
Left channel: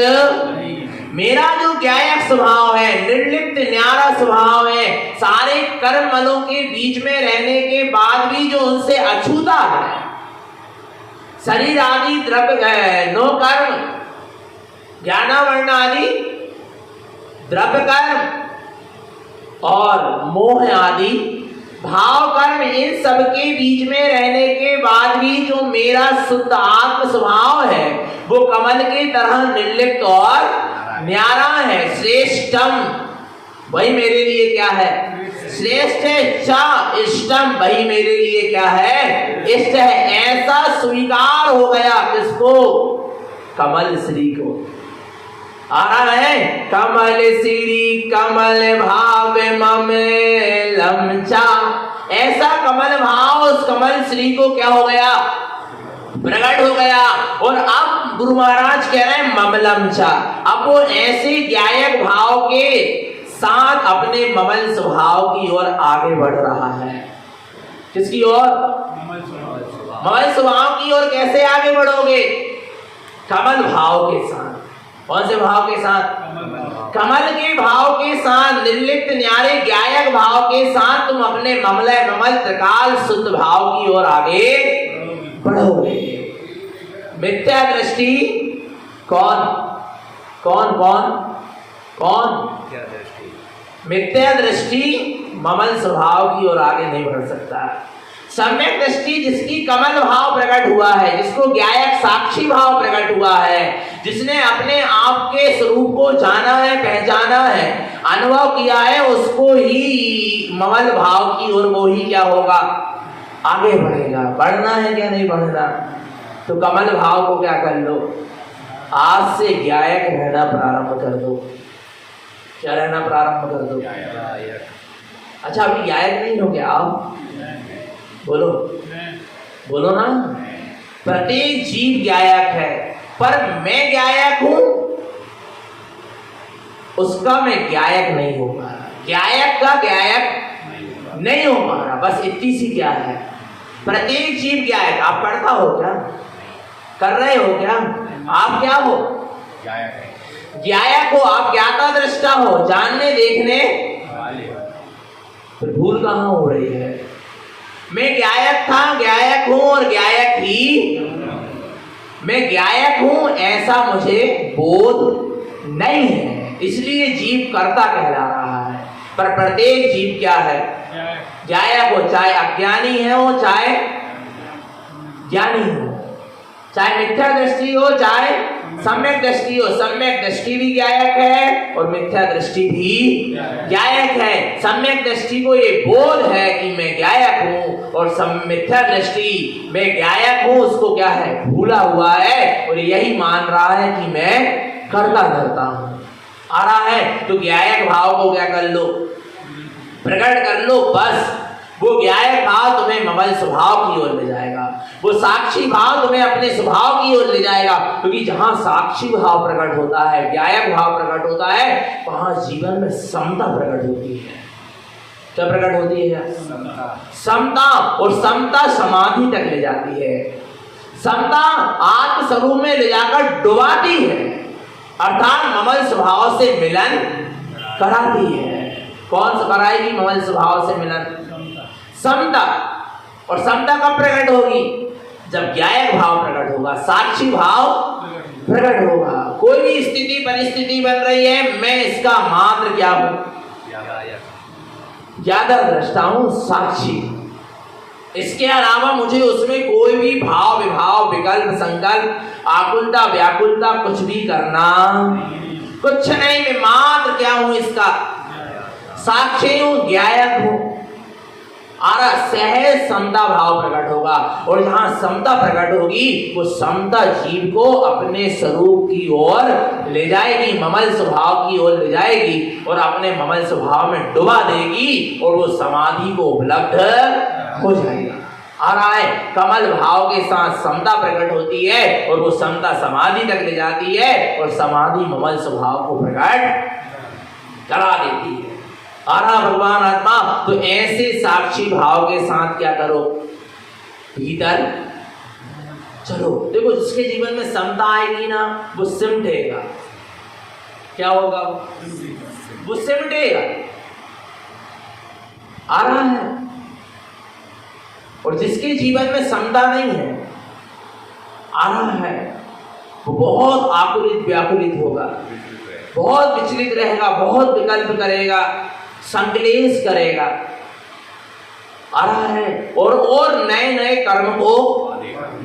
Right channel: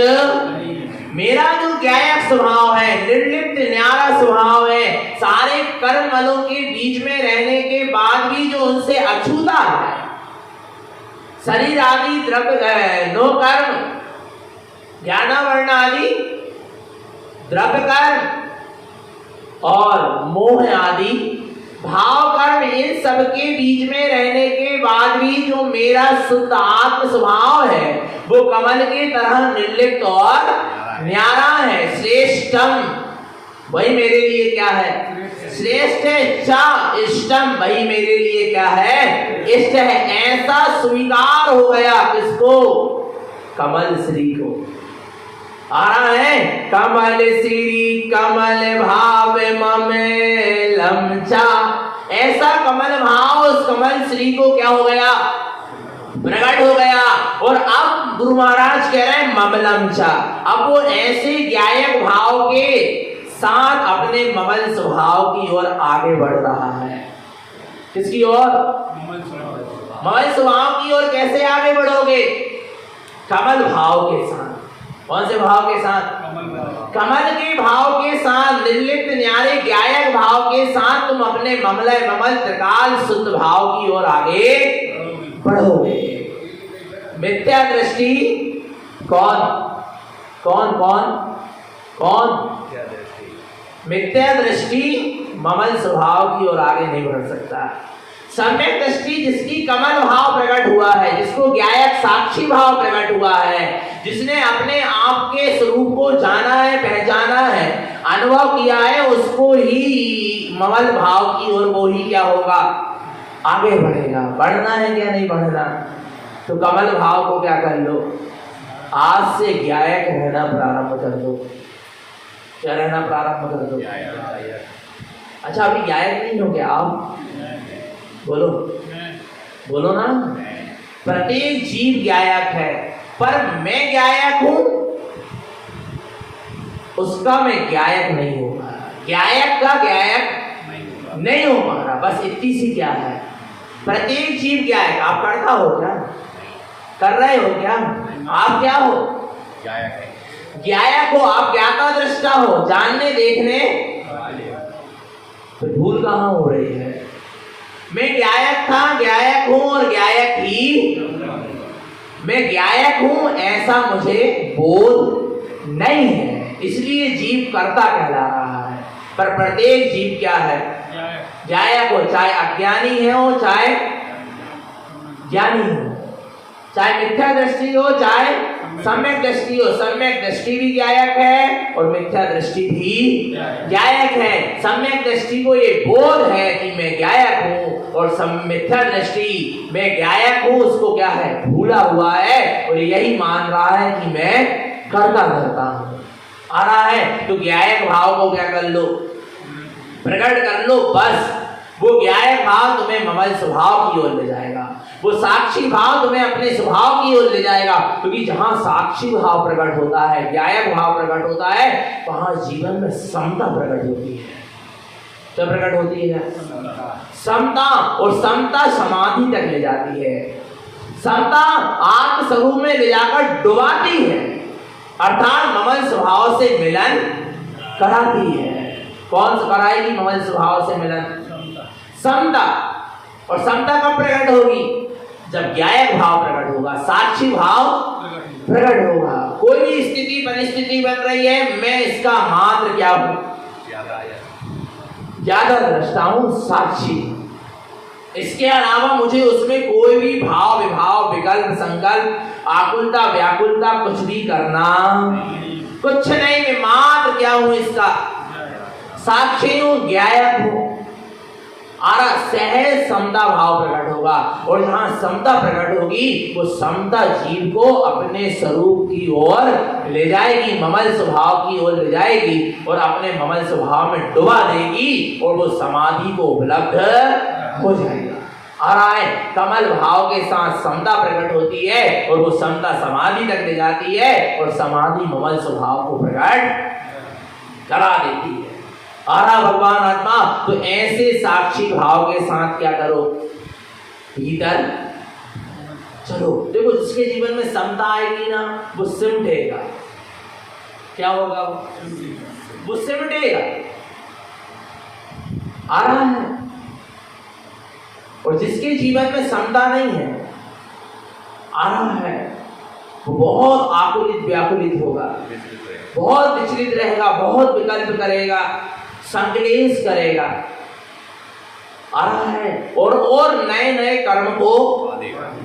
मेरा जो ज्ञायक स्वभाव है, निर्लिप्त न्यारा स्वभाव है, सारे कर्म मलों के बीच में रहने के बाद भी जो उनसे अछूता है, शरीर आदि द्रव्य नो कर्म, ज्ञान वर्ण आदि द्रव्य कर्म और मोह आदि भाव कर्म, इन सब के बीच में रहने के बाद भी जो मेरा शुद्ध आत्म स्वभाव है वो कमल की तरह निर्लिप्त और न्यारा है। श्रेष्ठम, वही मेरे लिए क्या है? श्रेष्ठ है। चा इष्टम, वही मेरे लिए क्या है? इष्ट है। ऐसा स्वीकार हो गया किसको? कमल श्री को। आ रहा है, कमल श्री कमल भाव ममलम चा। ऐसा कमल भाव उस कमल श्री को क्या हो गया, प्रकट हो गया। और अब गुरु महाराज कह रहे हैं ममलम चा। अब वो ऐसे ज्ञायक भाव के साथ अपने ममल स्वभाव की ओर आगे बढ़ रहा है। किसकी ओर? ममल स्वभाव की ओर। कैसे आगे बढ़ोगे? कमल भाव के साथ। कौन से भाव के साथ? कमल के भाव के साथ, निर्लिप्त न्यारे ज्ञायक भाव के साथ तुम अपने ममलय ममल त्रिकाल शुद्ध भाव की ओर आगे बढ़ोगे। मिथ्या दृष्टि कौन कौन कौन कौन? मिथ्या दृष्टि ममल स्वभाव की ओर आगे नहीं बढ़ सकता। सम्यक दृष्टि जिसकी कमल भाव प्रकट हुआ है, जिसको ज्ञायक साक्षी भाव प्रकट हुआ है, जिसने अपने आप के स्वरूप को जाना है, पहचाना है, अनुभव किया है, उसको ही ममल भाव की ओर वो ही क्या होगा, आगे बढ़ेगा। बढ़ना है क्या नहीं बढ़ना? तो कमल भाव को क्या कर लो, आज से ज्ञायक रहना प्रारंभ कर दो। क्या रहना प्रारंभ कर दो? अच्छा अभी ज्ञायक नहीं हो क्या आप? बोलो बोलो ना। प्रत्येक जीव ज्ञायक है, पर मैं ज्ञायक हूं उसका मैं ज्ञायक नहीं हो पा रहा, ज्ञायक का ज्ञायक नहीं हो पा रहा। बस इतनी सी क्या है, प्रत्येक जीव ज्ञायक। आप करता हो क्या? कर रहे हो क्या? आप क्या हो? ज्ञायक हो। आप ज्ञाता दृष्टा हो, जानने देखने। तो भूल कहां हो रही है? मैं ज्ञायक था, ज्ञायक हूं और ज्ञायक ही मैं ज्ञायक हूं, ऐसा मुझे बोध नहीं है, इसलिए जीव कर्ता कहला रहा है। पर प्रत्येक जीव क्या है? ज्ञायक हो, चाहे अज्ञानी है हो, चाहे ज्ञानी हो, चाहे मिथ्या दृष्टि हो, चाहे सम्यक दृष्टि हो। सम्यक दृष्टि भी ज्ञायक है और मिथ्या दृष्टि भी ज्ञायक है। सम्यक दृष्टि को ये बोध है कि मैं ज्ञायक हूं, और मिथ्या दृष्टि में ज्ञायक हूं उसको क्या है, भूला हुआ है, और यही मान रहा है कि मैं करता रहता हूं। आ रहा है, तो ज्ञायक भाव को क्या कर लो, प्रकट कर लो। बस वो ज्ञायक भाव तुम्हें ममल स्वभाव की ओर ले जाएगा, वो साक्षी भाव तुम्हें अपने स्वभाव की ओर ले जाएगा। क्योंकि जहां साक्षी भाव प्रकट होता है, ज्ञायक भाव प्रकट होता है, वहां जीवन में समता प्रकट होती है। क्या प्रकट होती है? समता। और समता समाधि तक ले जाती है। समता आत्म स्वरूप में ले जाकर डुबाती है, अर्थात ममल स्वभाव से मिलन कराती है। कौन कराएगी ममल स्वभाव से मिलन? समता। और समता कब प्रकट होगी? जब ज्ञायक भाव प्रकट होगा, साक्षी भाव प्रकट होगा। कोई भी स्थिति परिस्थिति बन रही है, मैं इसका मात्र क्या हूं, ज्यादा दृष्टा हूं, साक्षी। इसके अलावा मुझे उसमें कोई भी भाव विभाव विकल्प संकल्प आकुलता व्याकुलता कुछ भी करना कुछ नहीं। मैं मात्र क्या हूं, इसका साक्षी हूं, ज्ञायक हूं। सहज समता भाव प्रकट होगा, और जहां समता प्रकट होगी वो समता जीव को अपने स्वरूप की ओर ले जाएगी, ममल स्वभाव की ओर ले जाएगी, और अपने ममल स्वभाव में डुबा देगी, और वो समाधि को उपलब्ध हो जाएगा। आ रहा है, कमल भाव के साथ समता प्रकट होती है, और वो समता समाधि तक ले जाती है, और समाधि ममल स्वभाव को प्रकट करा देती है। आ रहा भगवान आत्मा। तो ऐसे साक्षी भाव के साथ क्या करो, भीतर चलो। देखो जिसके जीवन में समता आएगी ना, वो सिमटेगा। क्या होगा? वो सिमटेगा। आ रहा है। और जिसके जीवन में समता नहीं है, आ रहा है, वो बहुत आकुलित व्याकुलित होगा, बहुत विचलित रहेगा, बहुत विकल्प करेगा, संकलेश करेगा। आ रहा है, और नए नए कर्म को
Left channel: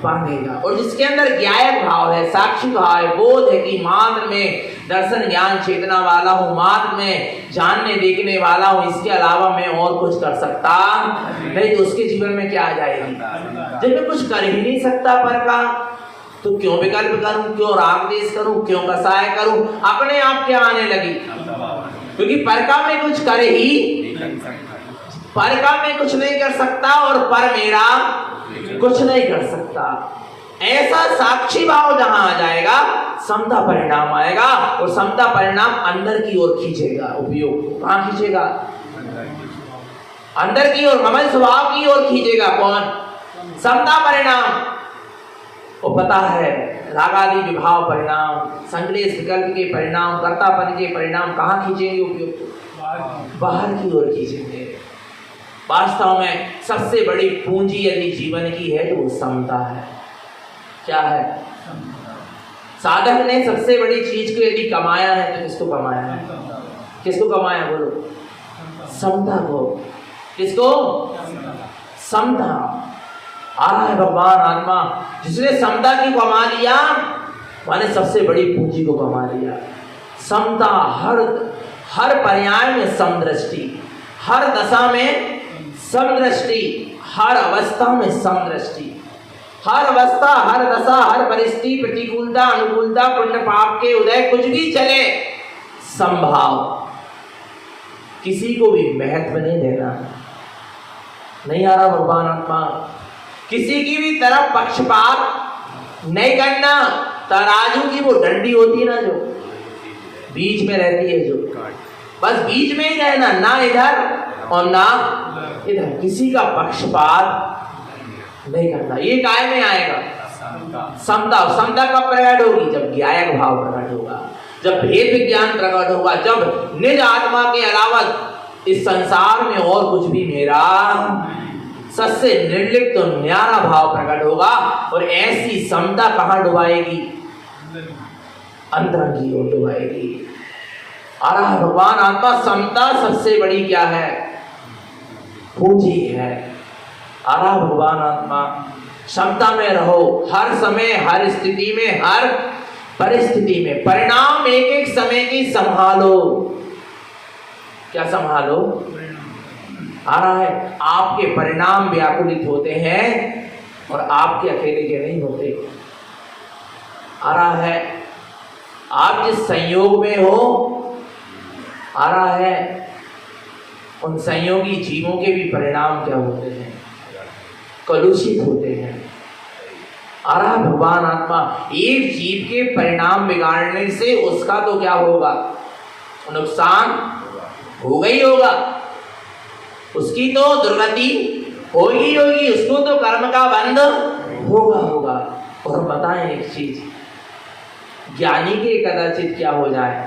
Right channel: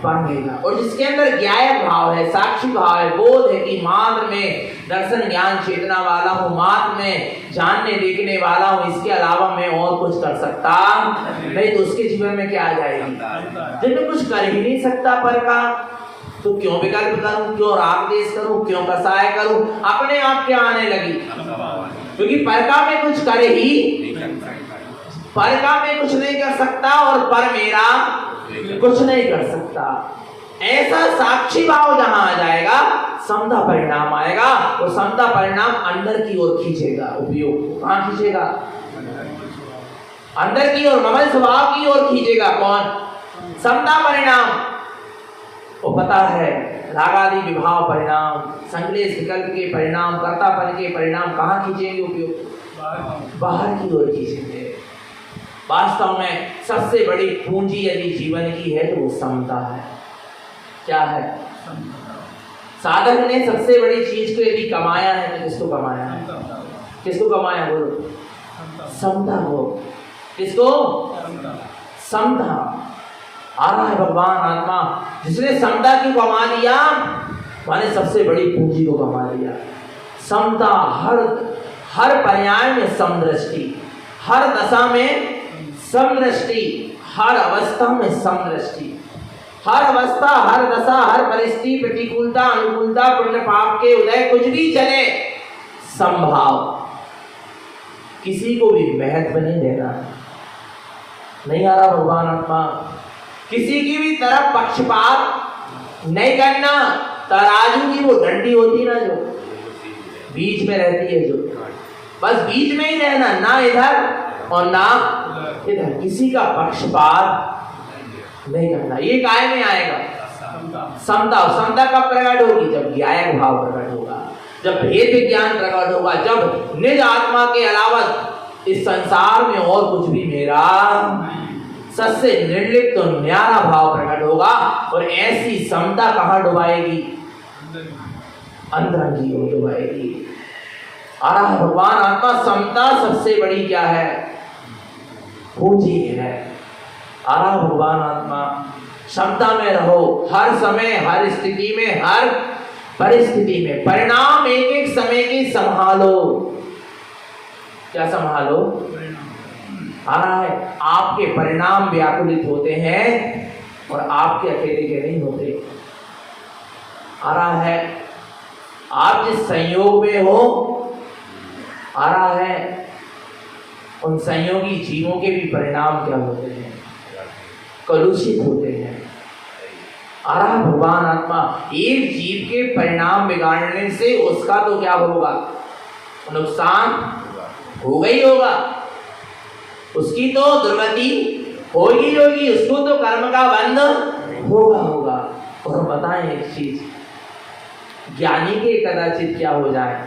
बांधेगा। और जिसके अंदर ज्ञायक भाव है, साक्षी भाव है, बोध है कि मात्र में दर्शन ज्ञान चेतना वाला हूं, मात्र में जानने देखने वाला हूं, इसके अलावा मैं और कुछ कर सकता नहीं, तो उसके जीवन में क्या आ जाएगी? जब मैं कुछ कर ही नहीं सकता पर का, तो क्यों विकल्प करूं, क्यों राग देश करूं, क्यों कसाय करूं, अपने आप क्या आने लगी, क्योंकि परका में कुछ करे ही, परका में कुछ नहीं कर सकता और पर मेरा कुछ नहीं कर सकता। ऐसा साक्षी भाव जहां आ जाएगा समता परिणाम आएगा, और समता परिणाम अंदर की ओर खींचेगा, उपयोग कहां खींचेगा, अंदर की ओर, ममल स्वभाव की ओर खींचेगा। कौन? समता परिणाम। वो पता है रागादि विभाव परिणाम, संक्लेश विकल्प के परिणाम, कर्तापन के परिणाम कहां खींचेंगे, उपयोग बाहर की ओर खींचेंगे। वास्तव में सबसे बड़ी पूंजी यदि जीवन की है तो वो समता है। क्या है? साधक ने सबसे बड़ी चीज को यदि कमाया है तो किसको कमाया है, किसको कमाया, बोलो, समता को। किसको? समता। आ रहा है भगवान आत्मा, जिसने समता की कमा लिया माने सबसे बड़ी पूंजी को कमा लिया। समता, हर पर्याय में समदृष्टि, हर दशा में समदृष्टि, हर अवस्था में समदृष्टि, हर अवस्था, हर दशा, हर परिस्थिति, प्रतिकूलता, अनुकूलता, पुण्य पाप के उदय, कुछ भी चले, संभाव, किसी को भी महत्व नहीं देना। नहीं आ रहा भगवान आत्मा, किसी की भी तरफ पक्षपात नहीं करना। तराजू की वो डंडी होती है ना, जो बीच में रहती है, जो बस बीच में ही रहना, ना इधर और ना इधर, किसी का पक्षपात नहीं करना। ये काय में आएगा? समता। समता कब प्रकट होगी? जब ज्ञायक भाव प्रकट होगा, जब भेद विज्ञान प्रकट होगा, जब निज आत्मा के अलावा इस संसार में और कुछ भी मेरा सबसे निर्लिप्त तो न्यारा भाव प्रकट होगा। और ऐसी समता कहां डुबाएगी? अंदर की ओर डुबाएगी। आ रहा भगवान आत्मा, समता सबसे बड़ी क्या है? पूंजी है। आ रहा भगवान आत्मा, क्षमता में रहो, हर समय, हर स्थिति में, हर परिस्थिति में। परिणाम एक एक समय की संभालो। क्या संभालो? आ रहा है, आपके परिणाम व्याकुलित होते हैं और आपके अकेले के नहीं होते। आ रहा है, आप जिस संयोग में हो, आ रहा है, उन संयोगी जीवों के भी परिणाम क्या होते हैं? कलुषित होते हैं। आ रहा भगवान आत्मा, एक जीव के परिणाम बिगाड़ने से उसका तो क्या होगा? नुकसान होगा ही होगा, उसकी तो दुर्गति होगी होगी, उसको तो कर्म का बंध होगा। और बताएं एक चीज, ज्ञानी के कदाचित क्या हो जाए?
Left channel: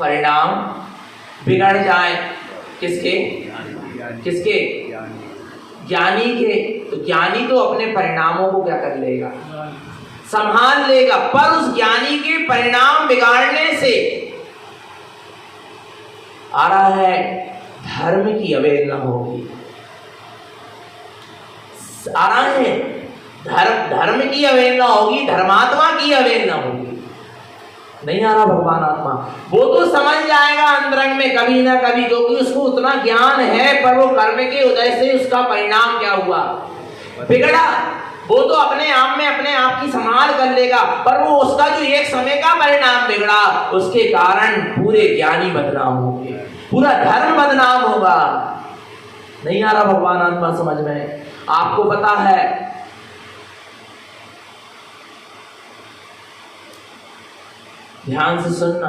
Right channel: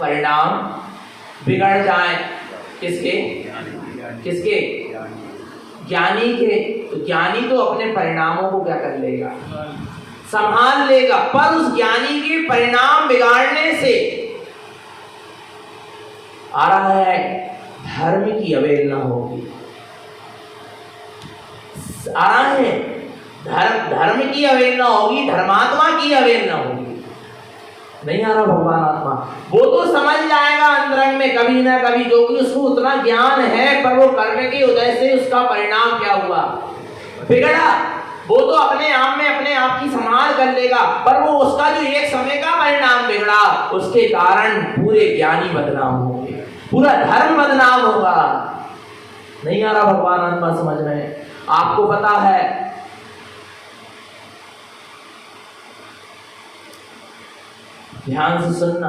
परिणाम बिगड़ जाए। किसके? किसके? ज्ञानी के। तो ज्ञानी तो अपने परिणामों को क्या कर लेगा? संभाल लेगा। पर उस ज्ञानी के परिणाम बिगाड़ने से आ रहा है, धर्म की अवहेलना होगी। आ रहा है, धर्म की अवहेलना होगी, धर्मात्मा की अवहेलना होगी। नहीं आ रहा भगवान आत्मा, वो तो समझ जाएगा अंतरंग में कभी ना कभी, क्योंकि उसको उतना ज्ञान है। पर वो कर्म के उदय से उसका परिणाम क्या हुआ? बिगड़ा। वो तो अपने आप में अपने आप की संभाल कर लेगा, पर वो उसका जो एक समय का परिणाम बिगड़ा, उसके कारण पूरे ज्ञानी बदनाम होंगे, पूरा धर्म बदनाम होगा। नहीं आ रहा भगवान आत्मा समझ में? आपको पता है, ध्यान से सुनना,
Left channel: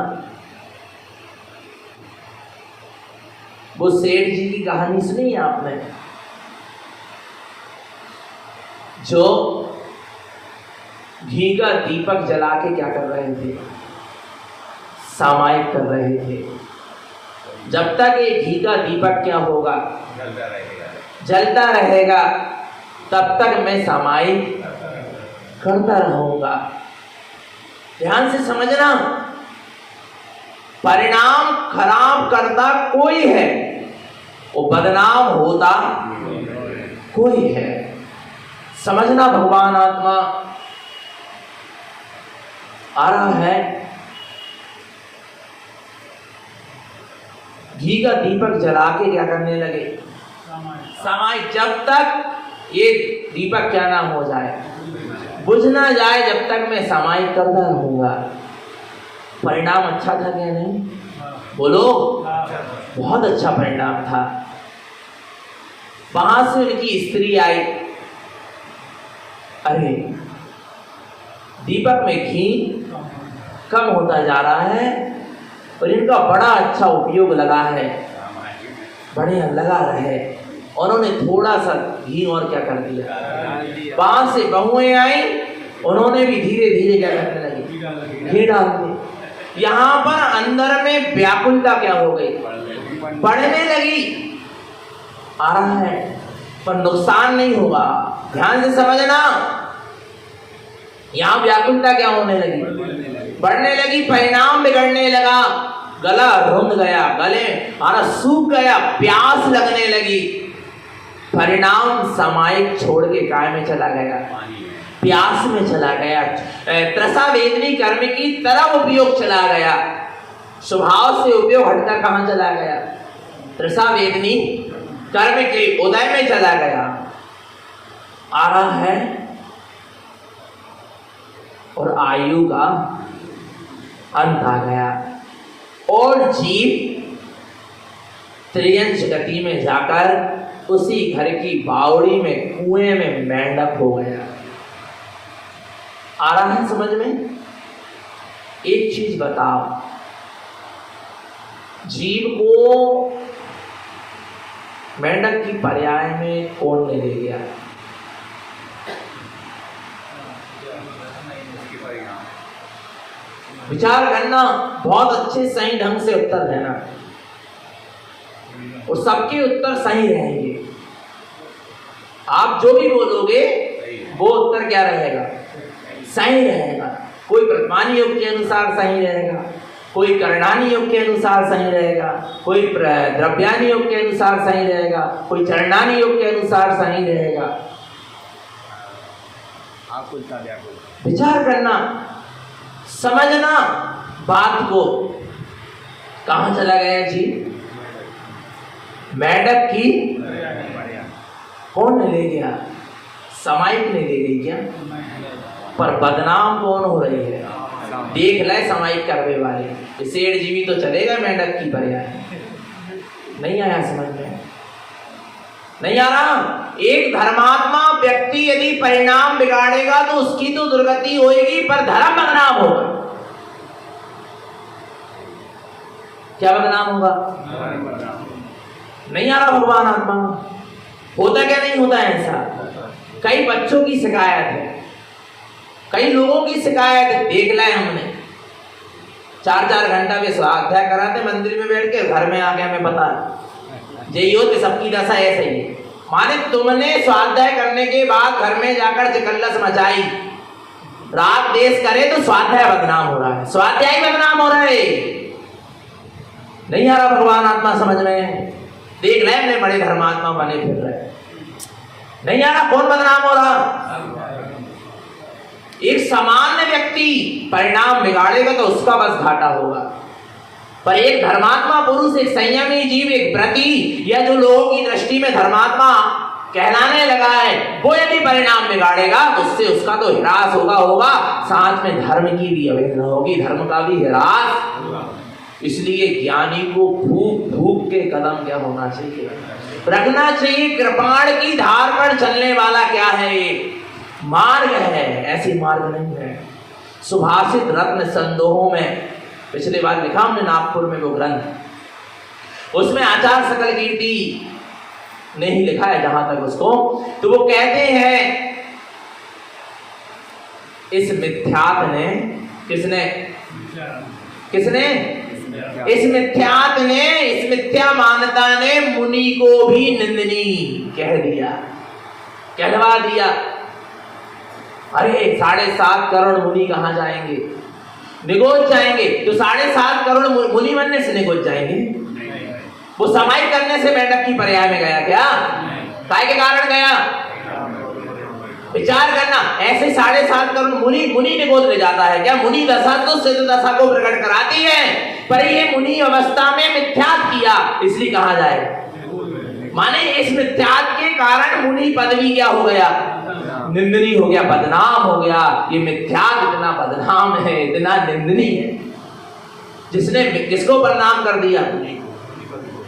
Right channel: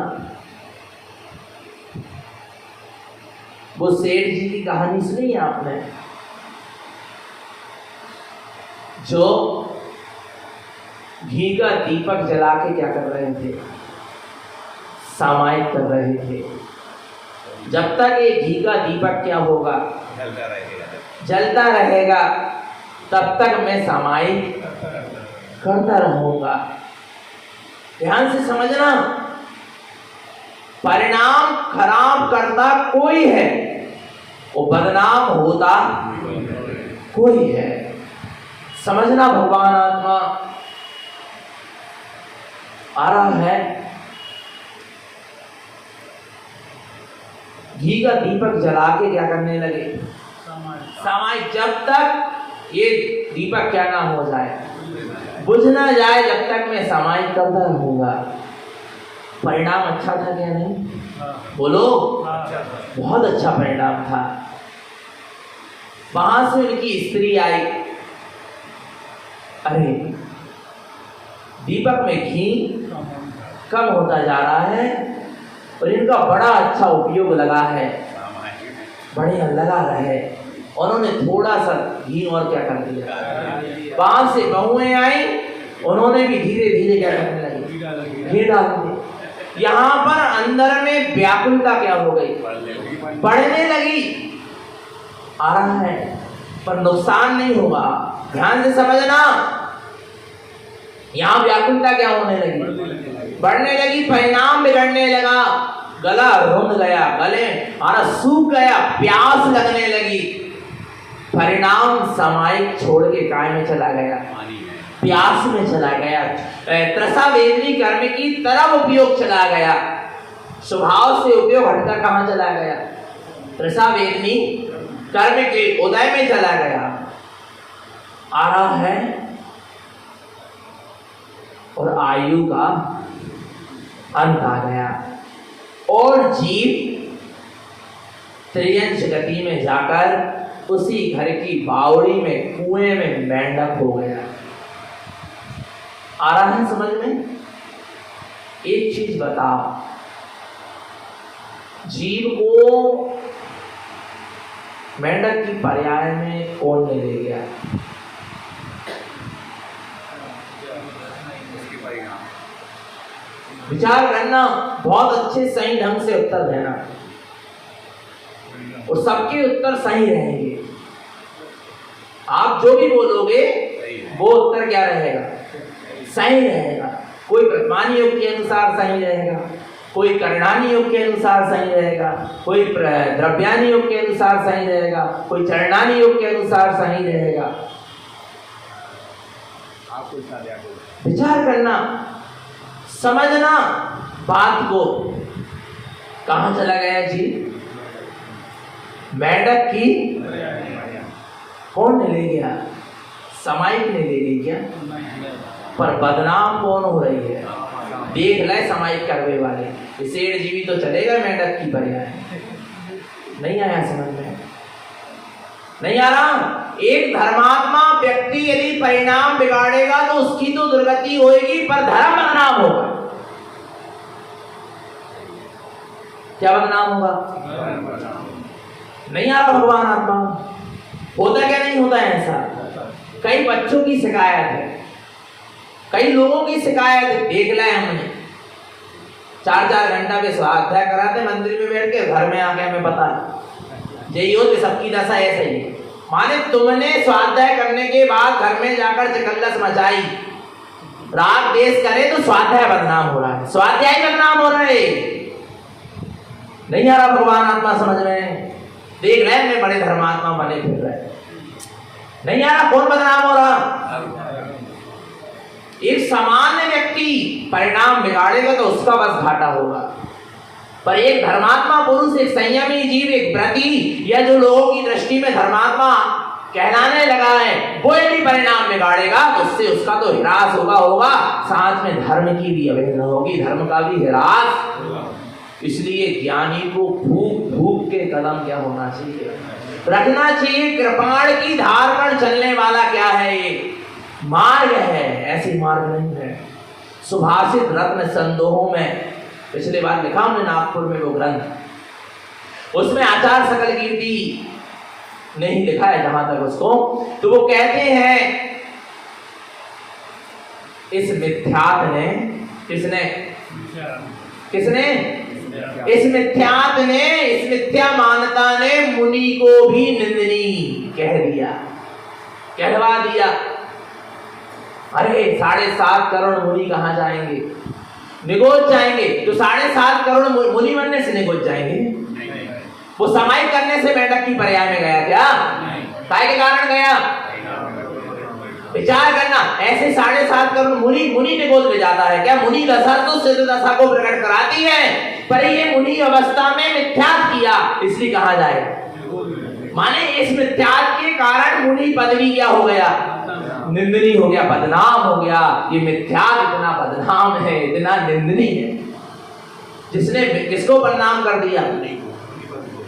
वो सेठ जी की कहानी सुनी है आपने, जो घी का दीपक जला के क्या कर रहे थे? सामायिक कर रहे थे। जब तक ये घी का दीपक क्या होगा? जलता रहेगा, तब तक मैं सामायिक करता रहूंगा। ध्यान से समझना, परिणाम खराब करता कोई है, वो बदनाम होता कोई है। समझना भगवान आत्मा आ रहा है, घी का दीपक जला के क्या करने लगे? सामायिक। जब तक ये दीपक क्या ना हो जाए, बुझ ना जाए जब तक मैं समाहित करता रहूंगा। परिणाम अच्छा था क्या नहीं? बोलो, बहुत अच्छा परिणाम था। वहां से उनकी स्त्री आई, अरे दीपक में घी कम होता जा रहा है और इनका बड़ा अच्छा उपयोग लगा है, बढ़िया लगा है। उन्होंने थोड़ा सा घी और क्या कर दिया, वहां से बहुएं आई, उन्होंने भी धीरे धीरे क्या करने लगी, घी डाल दिया। यहाँ पर अंदर में व्याकुलता क्या हो गई, बढ़ने लगी। आ रहा है पर नुकसान नहीं होगा, ध्यान से समझना। यहाँ व्याकुलता क्या होने लगी, बढ़ने लगी, परिणाम बिगड़ने लगा। गला रुंध गया, गले सूख गया, प्यास लगने लगी। परिणाम समाइक छोड़ के काय में चला गया, प्यास में चला गया, त्रसा वेदनी कर्म की तरह उपयोग चला गया। स्वभाव से उपयोग हटकर कहाँ चला गया, त्रसा वेदनी कर्म के उदय में चला गया। आ रहा है और आयु का अंत आ गया और जीव त्रियंश गति में जाकर उसी घर की बावड़ी में कुएं में मेंढक हो गया। आ रहा है समझ में? एक चीज बताओ, जीव को मेंढक की पर्याय में कौन ले गया? विचार करना, बहुत अच्छे सही ढंग से उत्तर देना और सबके उत्तर सही रहेंगे। आप जो भी बोलोगे वो उत्तर क्या रहेगा, सही रहेगा। कोई प्रतिमानी योग के अनुसार सही रहेगा, कोई करणानी योग के अनुसार सही रहेगा, कोई द्रव्यानी योग के अनुसार सही रहेगा, कोई चरणानी योग के अनुसार सही रहेगा। विचार करना, समझना बात को। कहां चला गया जी, मेंढक की कौन ले गया, समाइक ने ले ली क्या? पर बदनाम कौन हो रही है, देख ले समाइक करने वाले। शेर जीवी तो चलेगा मेंढक की पर्याय, नहीं आया समझ में? नहीं आ रहा? एक धर्मात्मा व्यक्ति यदि परिणाम बिगाड़ेगा तो उसकी तो दुर्गति होगी, पर धर्म बदनाम होगा। क्या बदनाम होगा? नहीं आ रहा भगवान आत्मा? होता क्या नहीं होता है ऐसा? कई बच्चों की शिकायत है, कई लोगों की शिकायत है, देख लिया हमने। 4-4 घंटा के स्वाध्याय कराते मंदिर में बैठ के, घर में आके हमें पता यही होती सबकी दशा ऐसे ही। माने तुमने स्वाध्याय करने के बाद घर में जाकर चिकल्लस मचाई, रात देश करे तो स्वाध्याय बदनाम हो रहा है, स्वाध्याय बदनाम हो रहा है। नहीं आ रहा भगवान आत्मा समझ में? देख रहे हैं बड़े धर्मात्मा बने फिर रहे, नहीं आ रहा? कौन बदनाम हो रहा? एक सामान्य व्यक्ति परिणाम बिगाड़ेगा तो उसका बस घाटा होगा, पर एक धर्मात्मा पुरुष, एक संयमी जीव, एक व्रती, या जो लोगों की दृष्टि में धर्मात्मा कहलाने लगा है, वो यदि परिणाम बिगाड़ेगा तो उससे उसका तो ह्रास होगा, साथ में धर्म की भी अवहेलना होगी, धर्म का भी ह्रास। इसलिए ज्ञानी को भूख भूख के कदम क्या होना चाहिए, रखना चाहिए। कृपाण की धार पर चलने वाला क्या है, मार्ग है, ऐसी मार्ग नहीं है। सुभाषित रत्न संदोहों में पिछले बार लिखा हमने नागपुर में वो ग्रंथ, उसमें आचार्य सकल कीर्ति ने ही लिखा है जहां तक उसको, तो वो कहते हैं इस मिथ्यात ने, किसने इस मिथ्यात ने, इस मिथ्या मान्यता ने मुनि को भी निंदनीय कह दिया, कहलवा दिया। अरे 7.5 करोड़ मुनि कहां जाएंगे, निगोच जाएंगे। तो 7.5 करोड़ मुनि बनने से निगोच जाएंगे? वो समाई करने से मेंढक की पर्याय में गया क्या? काय के कारण गया? विचार करना, ऐसे 7.5 करोड़ मुनि निगोच ले जाता है क्या? मुनि दशा तो सिद्ध दशा को प्रकट कराती है, पर ये मुनि अवस्था में मिथ्यात किया, इसलिए कहा जाए। माने इस मिथ्यात के कारण मुनि पदवी क्या हो गया, निंदनीय हो गया, बदनाम हो गया। ये मिथ्या इतना बदनाम है, इतना निंदनीय है। जिसने किसको बदनाम कर दिया?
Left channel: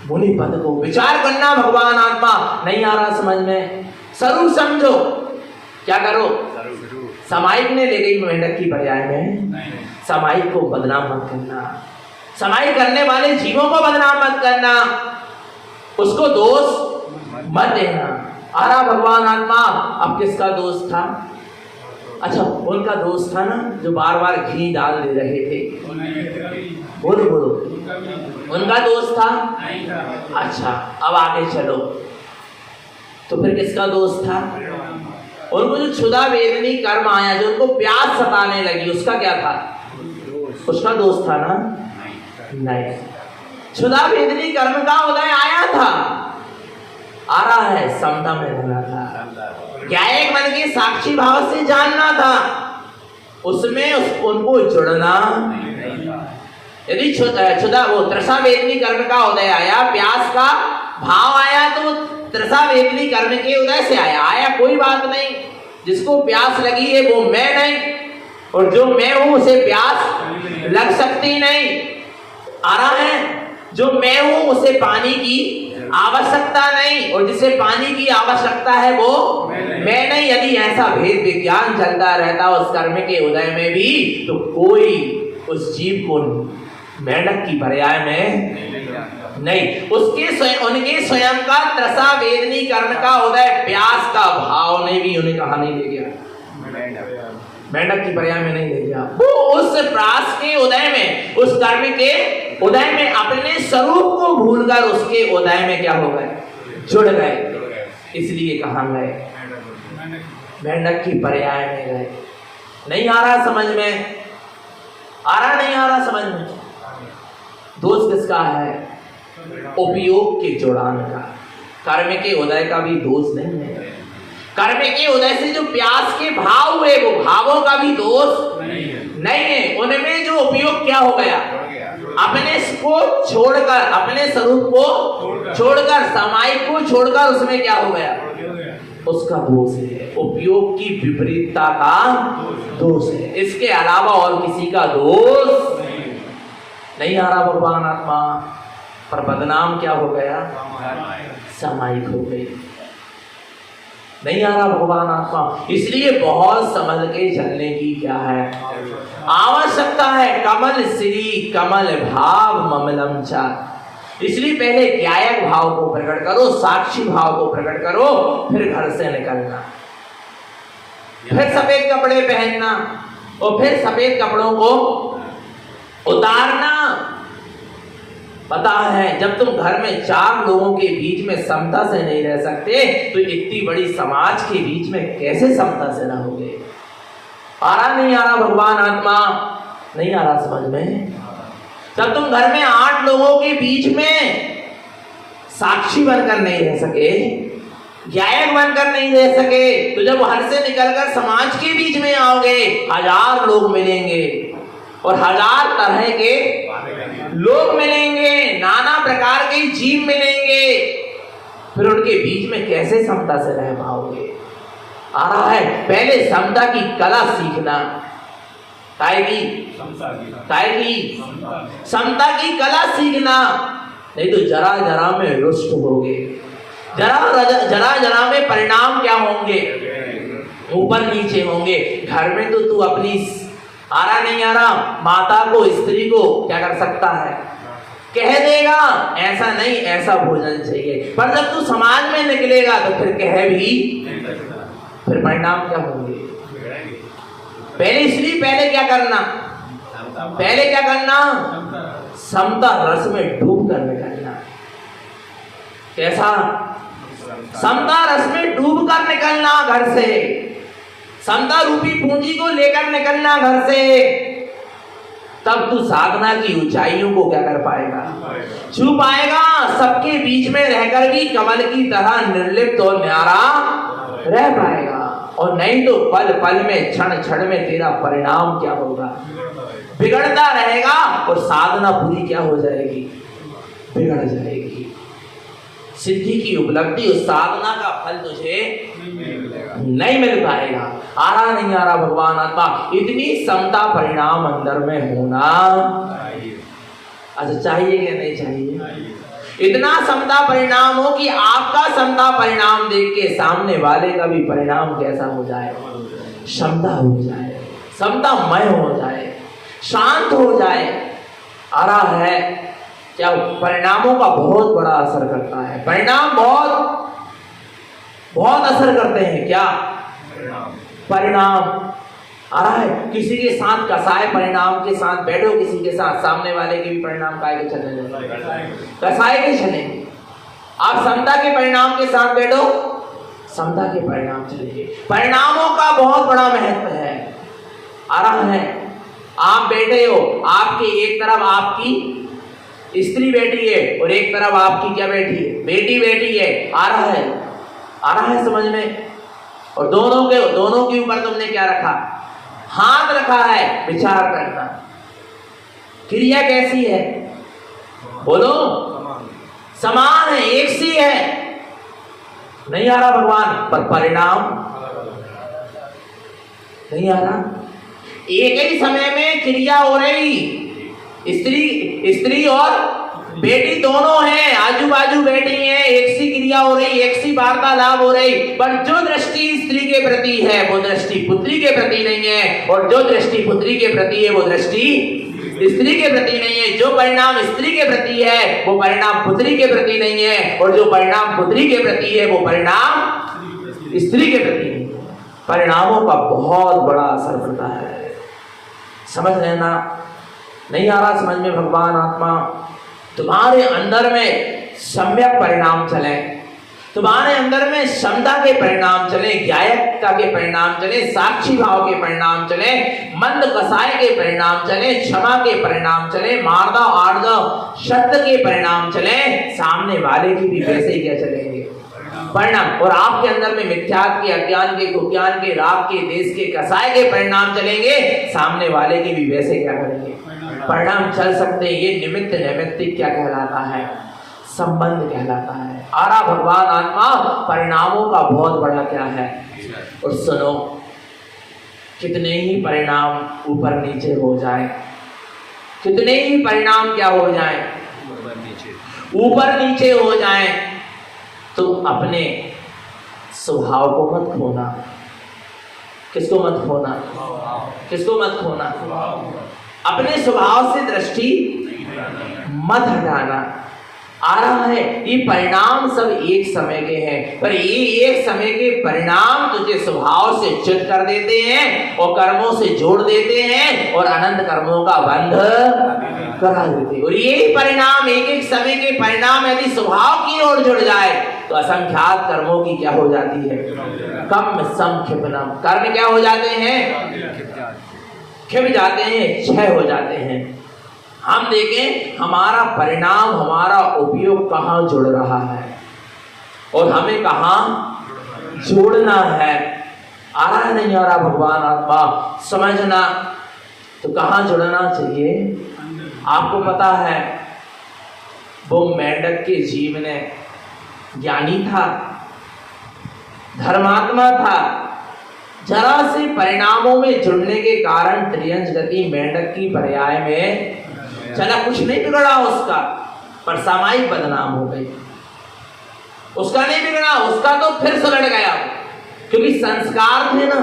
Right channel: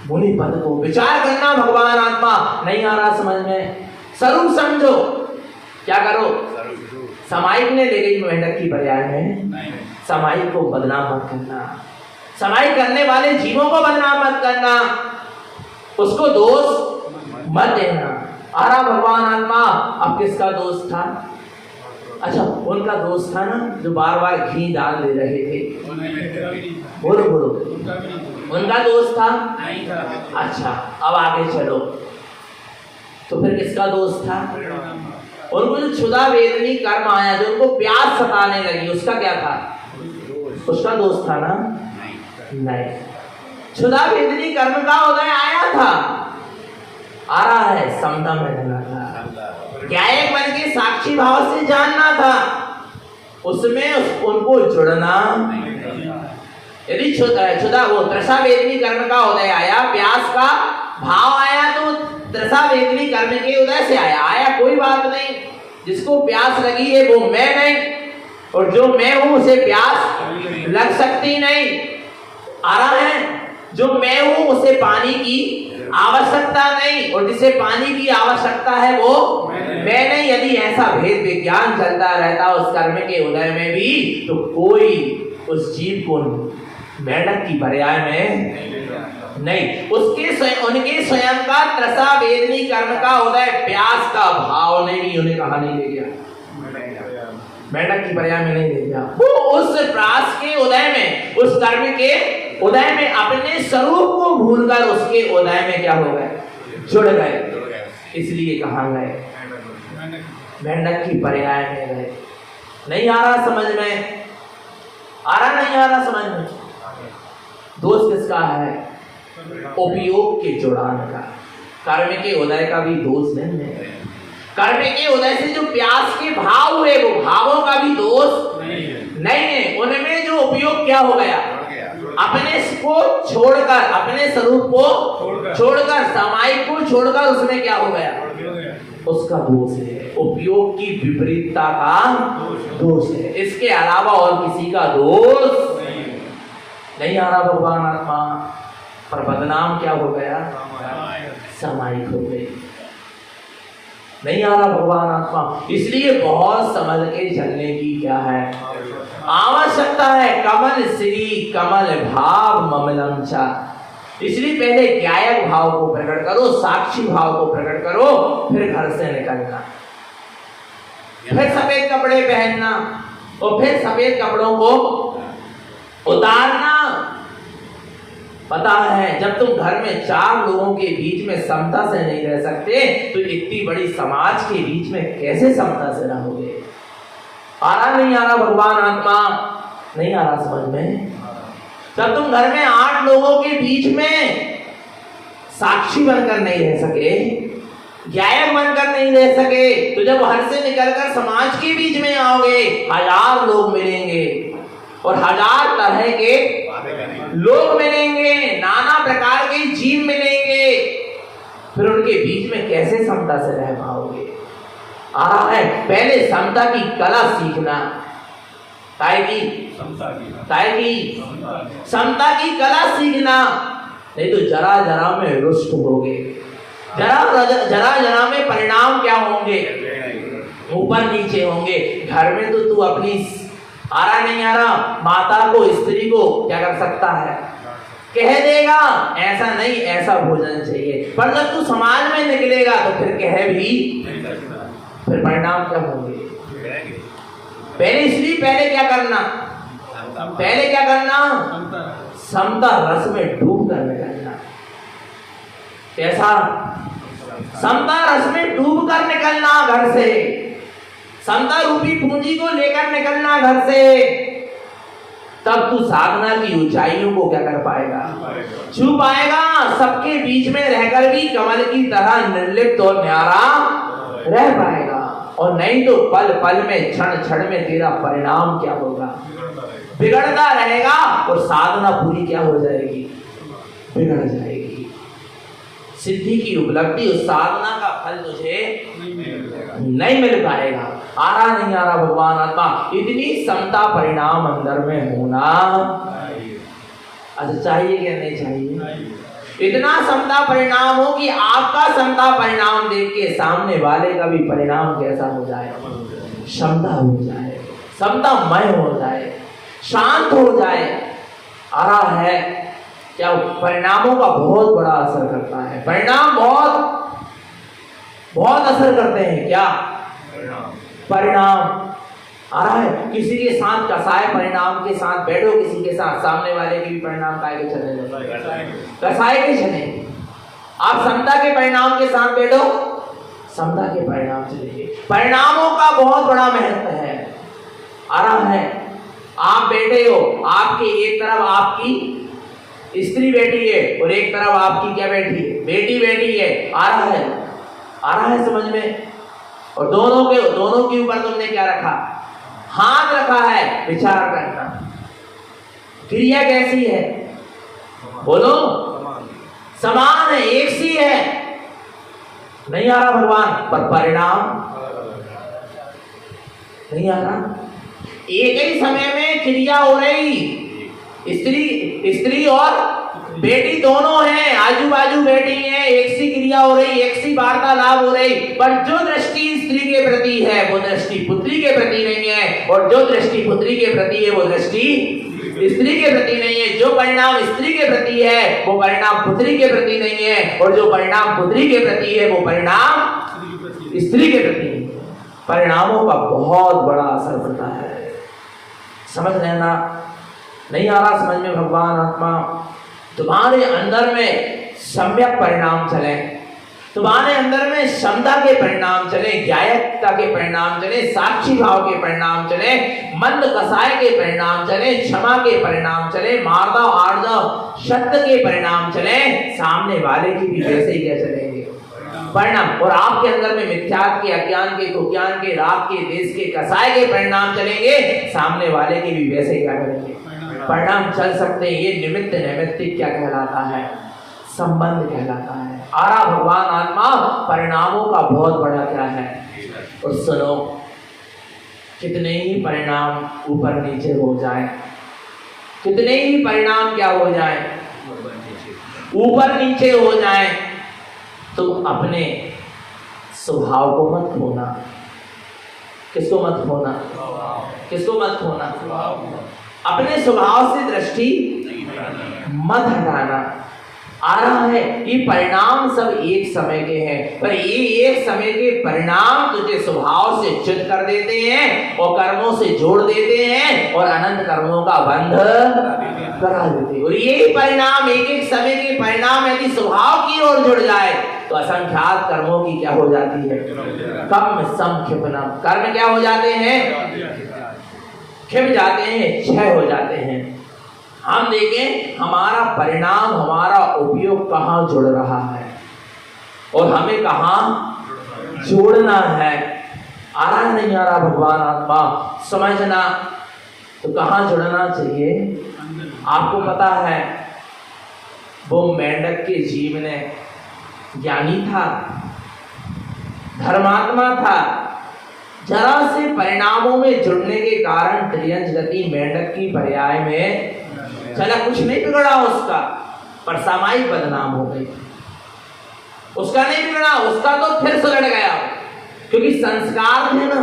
मुनि पद को। विचार करना भगवान आत्मा नहीं आ रहा समझ में, स्वरूप समझो। क्या करो? समाइक ने ले गई मेंढक की पर्याय में, समाइक को बदनाम मत करना, समाइक करने वाले जीवों को बदनाम मत करना, उसको दोष मत देना। आ रहा भगवान आत्मा? अब किसका दोष था? अच्छा, उनका दोष था ना जो बार बार घी डाल दे रहे थे। बोलो बोलो, उनका दोष था? अच्छा, अब आगे चलो। तो फिर किसका दोष था? उनको जो क्षुधा वेदनी कर्म आया, जो उनको प्यास सताने लगी, उसका क्या था? उसका दोष था ना? नहीं। क्षुधा वेदनी कर्म का उदय आया था, आ रहा है, समता में रहना था, ज्ञायक मन के साक्षी भाव से जानना था, उसमें उनको जुड़ना। यदि क्षुधा वो तृषा वेदनी कर्म का उदय आया, प्यास का भाव आया, तो तृषा वेदनी कर्म के उदय से आया कोई बात नहीं। जिसको प्यास लगी है वो मैं नहीं, और जो मैं हूं उसे प्यास लग सकती नहीं। आ रहा है? जो मैं हूं उसे पानी की आवश्यकता नहीं, और जिसे पानी की आवश्यकता है वो मैं नहीं। यदि ऐसा भेद विज्ञान चलता रहता उस कर्म के उदय में भी, तो कोई उस जीव को मेंढक की पर्याय में नहीं, उनके स्वयं का तृषा वेदनी कर्म का उदय, प्यास का भाव ने भी उन्हें कहा नहीं ले गया, मेंढक की पर्याय में नहीं ले गया। वो उस प्रास के उदय में, उस कर्म के उदय में अपने स्वरूप को भूलकर उसके उदय में क्या हो गए? जुड़ गए। इसलिए कहा गए मेंढक की पर्याय में गए। नहीं आ रहा समझ में? आ रहा नहीं आ रहा समझ में? दोष किसका है? उपयोग के जुड़ान का। कर्म के उदय का भी दोष नहीं है। कर्म के उदय से जो प्यास के भाव हुए, वो भावों का भी दोष नहीं है। उनमें जो उपयोग क्या हो गया? अपने को छोड़कर, अपने स्वरूप को छोड़कर, समाइक को छोड़कर, उसमें क्या हो गया? उसका दोष है। उपयोग की विपरीतता का दोष है। इसके अलावा और किसी का दोष नहीं आ रहा भगवान आत्मा। पर बदनाम क्या हो गया? समाइक हो गई। नहीं आ रहा भगवान आत्मा। इसलिए बहुत समझ के चलने की क्या है आवश्यकता है। कमल श्री कमल भाव ममलम चा। इसलिए पहले ज्ञायक भाव को प्रकट करो, साक्षी भाव को प्रकट करो, फिर घर से निकलना, फिर सफेद कपड़े पहनना, और फिर सफेद कपड़ों को उतारना। पता है, जब तुम घर में 4 लोगों के बीच में समता से नहीं रह सकते, तो इतनी बड़ी समाज के बीच में कैसे समता से रहोगे? आ रहा नहीं आ रहा भगवान आत्मा? नहीं आ रहा समझ में? जब तुम घर में 8 लोगों के बीच में साक्षी बनकर नहीं रह सके, ज्ञायक बनकर नहीं रह सके, तो जब घर से निकलकर समाज के बीच में आओगे, 1000 लोग मिलेंगे और 1000 तरह के लोग मिलेंगे, नाना प्रकार के जीव मिलेंगे, फिर उनके बीच में कैसे समता से रह पाओगे? आ रहा है, पहले समता की कला सीखना। समता की कला सीखना, नहीं तो जरा जरा में रुष्ट होगे। जरा में परिणाम क्या होंगे? ऊपर नीचे होंगे। घर में तो तू अपनी आ रहा नहीं आ रहा माता को, स्त्री को क्या कर सकता है? कह देगा ऐसा नहीं, ऐसा भोजन चाहिए। पर जब तू समाज में निकलेगा तो फिर कह भी, फिर परिणाम क्या होंगे? पहले क्या करना? समता रस में डूब कर निकलना। कैसा? समता रस में डूब कर निकलना घर से। समता रूपी पूंजी को लेकर निकलना घर से। तब तू साधना की ऊंचाइयों को क्या कर पाएगा? छू पाएगा। सबके बीच में रहकर भी कमल की तरह निर्लिप्त और न्यारा रह पाएगा। और नहीं तो पल पल में, क्षण क्षण में तेरा परिणाम क्या होगा? बिगड़ता रहेगा और साधना पूरी क्या हो जाएगी? बिगड़ जाएगी। सिद्धि की उपलब्धि, उस साधना का फल तुझे नहीं मिल पाएगा। आ रहा नहीं आ रहा भगवान आत्मा, इतनी समता परिणाम अंदर में होना अच्छा चाहिए क्या नहीं चाहिए? इतना समता परिणाम हो कि आपका समता परिणाम देख के सामने वाले का भी परिणाम कैसा हो जाए, क्षमता हो जाए, समतामय हो जाए, शांत हो जाए। आ रहा है क्या? परिणामों का बहुत बड़ा असर करता है। परिणाम बहुत असर करते हैं। क्या परिणाम? आ रहा है किसी के साथ कसाय परिणाम के साथ बैठो, किसी के साथ, सामने वाले के भी परिणाम काय के चले, कसाय के चले। आप समता के परिणाम के साथ बैठो, समता के परिणाम चलेंगे। परिणामों का बहुत बड़ा महत्व है। आ रहा है आप बैठे हो, आपके एक तरफ आपकी स्त्री बैठी है और एक तरफ आपकी क्या बैठी है? बेटी बैठी है। आ रहा है समझ में? और दोनों के ऊपर तुमने क्या रखा? हाथ रखा है। विचार करना, क्रिया कैसी है? बोलो, समान है, एक सी है। नहीं आ रहा भगवान, पर परिणाम नहीं आ रहा। एक ही समय में क्रिया हो रही, स्त्री और बेटी दोनों हैं, आजू बाजू बैठी हैं, एक सी क्रिया हो रही, एक सी वार्तालाप हो रही, पर जो दृष्टि स्त्री के प्रति है वो दृष्टि पुत्री के प्रति नहीं है, और जो दृष्टि पुत्री के प्रति है वो दृष्टि स्त्री के प्रति नहीं है। जो परिणाम स्त्री के प्रति है वो परिणाम पुत्री के प्रति नहीं है, और जो परिणाम पुत्री के प्रति है वो परिणाम स्त्री के प्रति नहीं है। परिणामों का बहुत बड़ा असर होता है। समझ लेना। नहीं आ रहा समझ में भगवान आत्मा? तुम्हारे अंदर में सम्यक परिणाम चले, तुम्हारे अंदर में क्षमता के परिणाम चले, ज्ञायकता के परिणाम चले, साक्षी भाव के परिणाम चले, मंद कसाय के परिणाम चले, क्षमा के परिणाम चले, मार्दव आर्दव सत्य के परिणाम चले, सामने वाले की भी वैसे ही क्या चलेंगे परिणाम। और आपके अंदर में मिथ्यात्व के, अज्ञान के, कुज्ञान के, राग के, देश के, कसाय के परिणाम चलेंगे, सामने वाले के भी वैसे क्या करेंगे परिणाम चल सकते हैं। ये निमित्त नैमित्तिक क्या कहलाता है? संबंध कहलाता है। आरा भगवान आत्मा परिणामों का बहुत बड़ा क्या है? और सुनो, कितने ही परिणाम ऊपर नीचे हो जाए, कितने ही परिणाम क्या हो जाए, ऊपर नीचे हो जाए, तो अपने स्वभाव को मत खोना। किसको मत खोना? किसको मत खोना? अपने स्वभाव से दृष्टि मत हटाना। आ रहा है ये परिणाम सब एक समय के हैं, पर ये एक समय के परिणाम तुझे स्वभाव से च्युत कर देते हैं और कर्मों से जोड़ देते हैं और अनंत कर्मों का बंध करा देते हैं। और ये परिणाम एक एक समय के परिणाम यदि स्वभाव की ओर जुड़ जाए तो असंख्यात कर्मों की क्या हो जाती है? कम सम क्षिपनम। कर्म क्या हो जाते हैं? क्षिप जाते हैं, क्षय हो जाते हैं। हम देखें हमारा परिणाम, हमारा उपयोग कहाँ जुड़ रहा है और हमें कहाँ जोड़ना है। आ रहा नहीं आ रहा भगवान आत्मा? समझना तो कहाँ जुड़ना चाहिए? आपको पता है वो मेंढक के जीव ने ज्ञानी था, धर्मात्मा था, जरा से परिणामों में जुड़ने के कारण त्रियंश गति मेंढक की पर्याय में चला, कुछ नहीं बिगड़ा उसका, पर सामायिक बदनाम हो गई। उसका नहीं बिगड़ा, उसका तो फिर सुलट गया, क्योंकि संस्कार थे ना।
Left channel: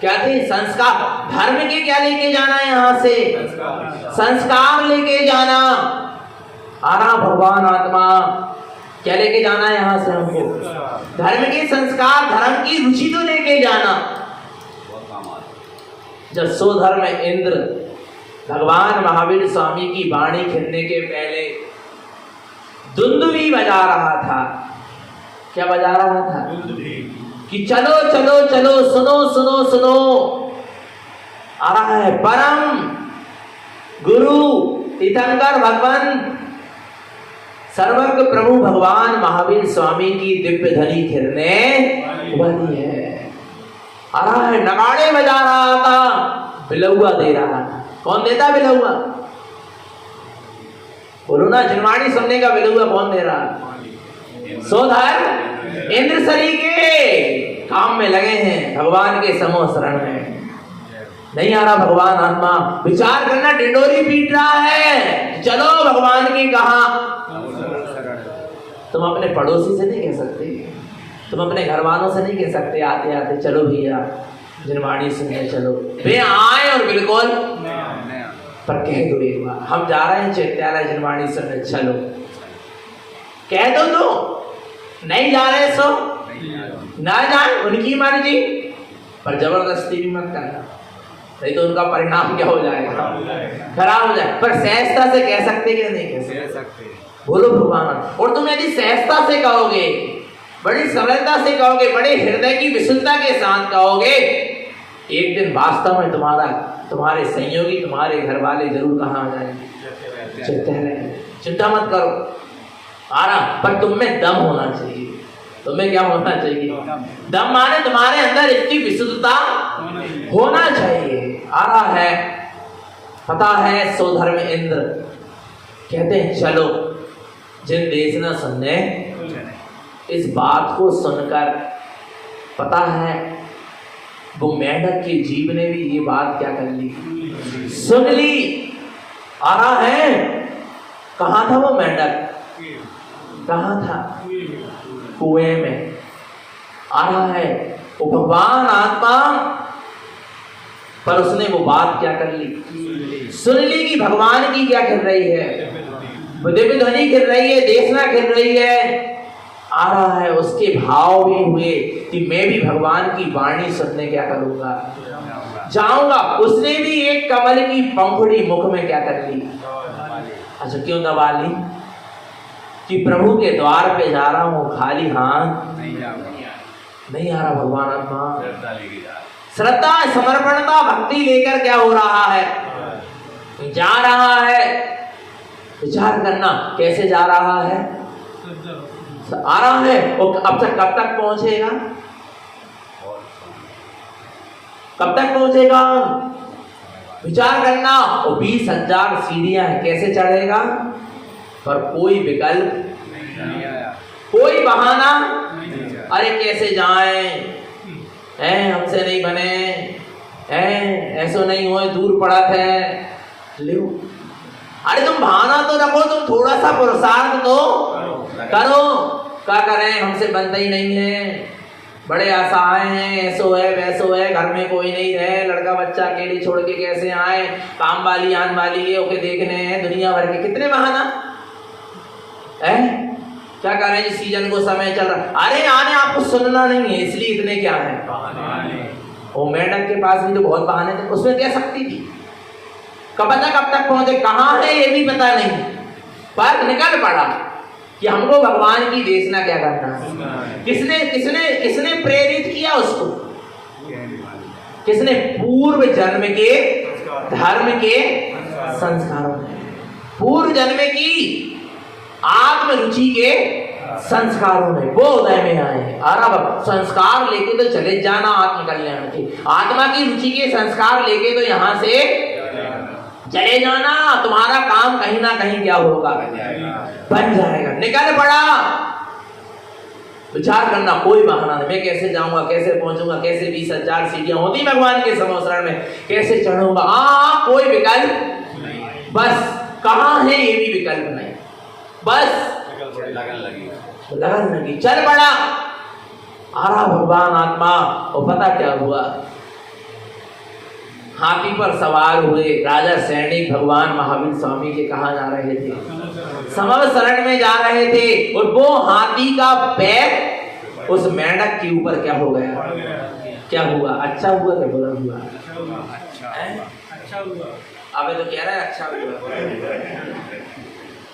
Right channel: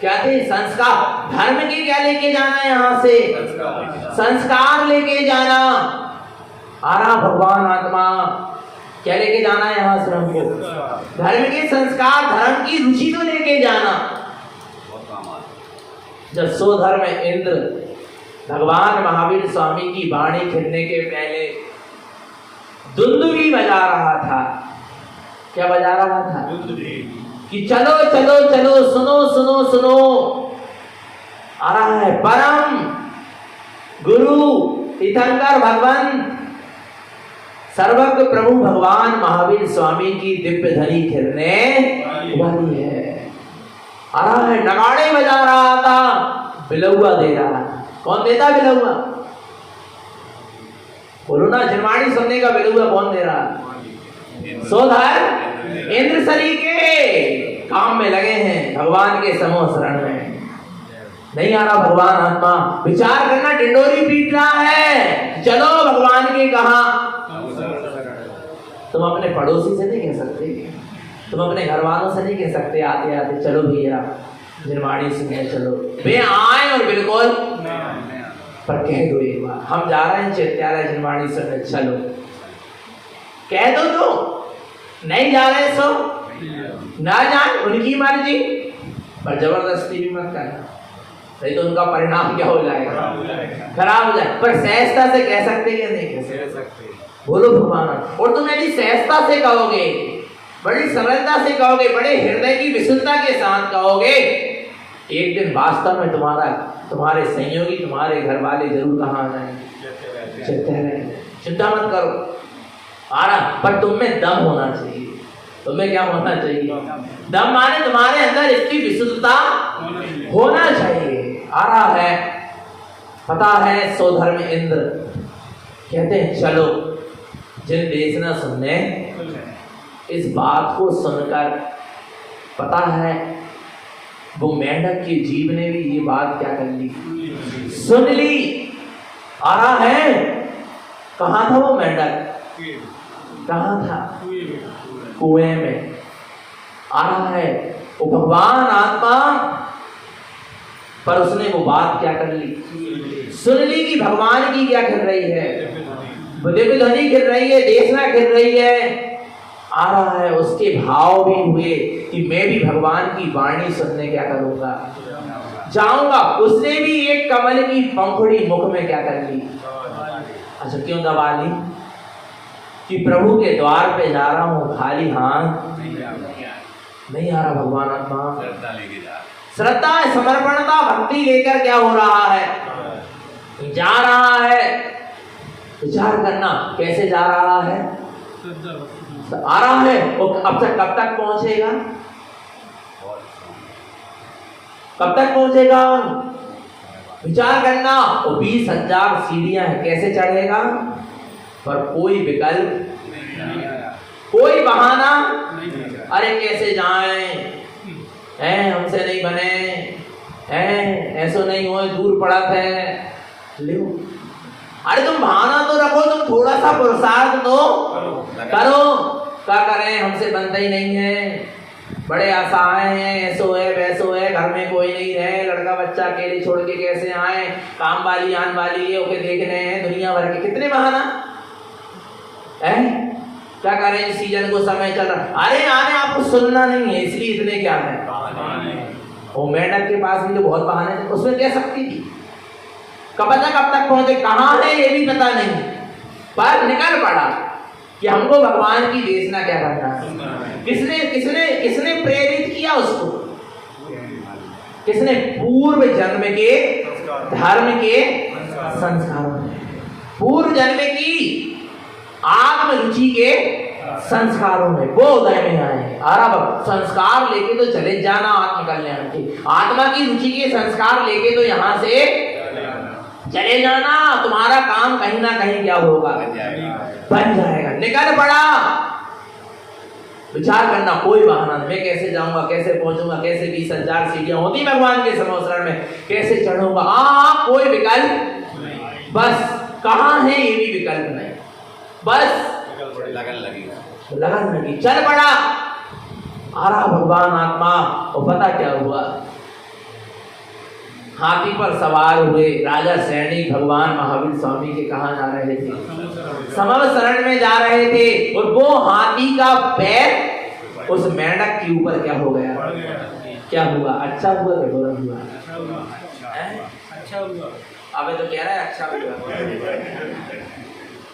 क्या थे? संस्कार। धर्म के क्या लेके जाना है यहां से? संस्कार लेके जाना। आ रहा भगवान आत्मा क्या लेके जाना है यहां से हमको? धर्म के संस्कार, धर्म की रुचि तो लेके जाना। जब स्वधर्म इंद्र भगवान महावीर स्वामी की वाणी खिलने के पहले दुंदुभी बजा रहा था। क्या बजा रहा था? कि चलो चलो चलो, सुनो सुनो सुनो। आ रहा है परम गुरु तीर्थंकर भगवान सर्वज्ञ प्रभु भगवान महावीर स्वामी की दिव्य ध्वनि खिलने वाली है। आ रहा है, नगाड़े बजा रहा था, बिलौआ दे रहा। कौन देता बिलौआ? बोलो ना, जिनवाणी सुनने का बेलूगा कौन दे रहा? सोधर इंद्र सरी के काम में लगे हैं, भगवान के समूह शरण में नहीं आ रहा भगवान आत्मा। विचार करना, डिंडोरी पीट रहा है, चलो भगवान की कहा। तुम अपने पड़ोसी से नहीं कह सकते, तुम अपने घर वालों से नहीं कह सकते आते आते चलो भैया जिनवाणी सुनने चलो। वे आए और बिल्कुल पर कह दो एक बार, हम जा रहे हैं चैत्यालय जिनवाणी सुनने, चलो कह दो। तो नहीं जा रहे सो ना जाए, उनकी मर्जी, पर जबरदस्ती भी मत करना, नहीं तो उनका परिणाम क्या हो जाएगा? खराब हो जाए। पर सहजता से कह सकते क्या? नहीं कह सकते। बोलो भगवान। और तुम यदि सहजता से कहोगे, बड़ी सरलता से कहोगे, बड़े हृदय की विशुद्धता के साथ कहोगे, एक दिन वास्तव में तुम्हारे संयोगी, तुम्हारे घर वाले जरूर कहाँ आ जाएंगे। चिंता मत करो आना, पर तुम में दम होना चाहिए। तुम्हें क्या होना चाहिए? दम माने तुम्हारे अंदर इतनी विशुद्धता होना चाहिए। आ रहा है, पता है सोधर्म इंद्र कहते हैं चलो जिन देश न सुनने। इस बात को सुनकर पता है वो मेंढक के जीव ने भी ये बात क्या कर ली, सुन ली। आ रहा है, कहाँ था वो मेंढक? कहाँ था? कुएं में। आ रहा है वो भगवान आत्मा, पर उसने वो बात क्या कर ली, सुन ली कि भगवान की क्या कर रही है, दिव्य ध्वनि गिर रही है, देशना गिर रही है। आ रहा है, उसके भाव भी हुए कि मैं भी भगवान की वाणी सुनने क्या करूंगा, जाऊंगा। उसने भी एक कमल की पंखुड़ी मुख में क्या कर ली, अच्छा क्यों दबा ली? कि प्रभु के द्वार पे जा रहा हूँ, खाली हाथ नहीं आ रहा। भगवान अपना श्रद्धा, समर्पणता, भक्ति लेकर क्या हो रहा है, जा रहा है। विचार करना कैसे जा रहा है, आ रहा है। वो अब तक कब तक पहुंचेगा, कब तक पहुंचेगा? विचार करना। वो 20,000 सीढ़ियां हैं, कैसे चढ़ेगा? पर कोई विकल्प, कोई बहाना, अरे कैसे जाएं, हमसे नहीं बने, ऐसो नहीं हो, दूर पड़ा थे। लो, अरे तुम बहाना तो रखो, तुम थोड़ा सा पुरुषार्थ तो करो। क्या करें, हमसे बनता ही नहीं है, बड़े आशाएं हैं, ऐसो है वैसो है, घर में कोई नहीं रहे, लड़का बच्चा अकेले छोड़ के कैसे आए, काम वाली आन वाली है, ओके देखने हैं, दुनिया भर के कितने बहाना है। क्या करें, इस सीजन को समय चल रहा। अरे आने आपको सुनना नहीं है, इसलिए इतने क्या है। वो मेंढक के पास भी तो बहुत बहाने थे, उसमें कह सकती थी, कब तक पहुंचे, कहाँ है ये भी पता नहीं, पर निकल पड़ा कि हमको भगवान की देशना क्या करना है। किसने किसने किसने प्रेरित किया उसको? किसने? पूर्व जन्म के धर्म के संस्कारों में, पूर्व जन्म की आत्म रुचि के संस्कारों में, वो उदय में आए हैं। और संस्कार लेके तो चले जाना आत्मकल्याण के, आत्मा की रुचि के संस्कार लेके तो यहाँ से चले जाना। तुम्हारा काम कहीं ना कहीं क्या होगा, बन जाएगा। निकल पड़ा, विचार करना, कोई बहाना नहीं। मैं कैसे जाऊंगा, कैसे पहुंचूंगा, कैसे 20,000 सीढ़ियां होगी भगवान के समोसरण में, कैसे चढ़ूंगा, कोई विकल्प, बस कहाँ है ये भी विकल्प नहीं, बस लगन लगी, चल पड़ा। आ रहा भगवान आत्मा, और पता क्या हुआ, हाथी पर सवार हुए राजा सैनिक भगवान महावीर स्वामी के कहाँ जा रहे थे, समव शरण में जा रहे थे। और वो हाथी का पैर उस मेंढक के ऊपर क्या हो गया, क्या हुआ? अच्छा हुआ कि बुरा हुआ? अच्छा हुआ। अबे तो कह रहा है अच्छा हुआ।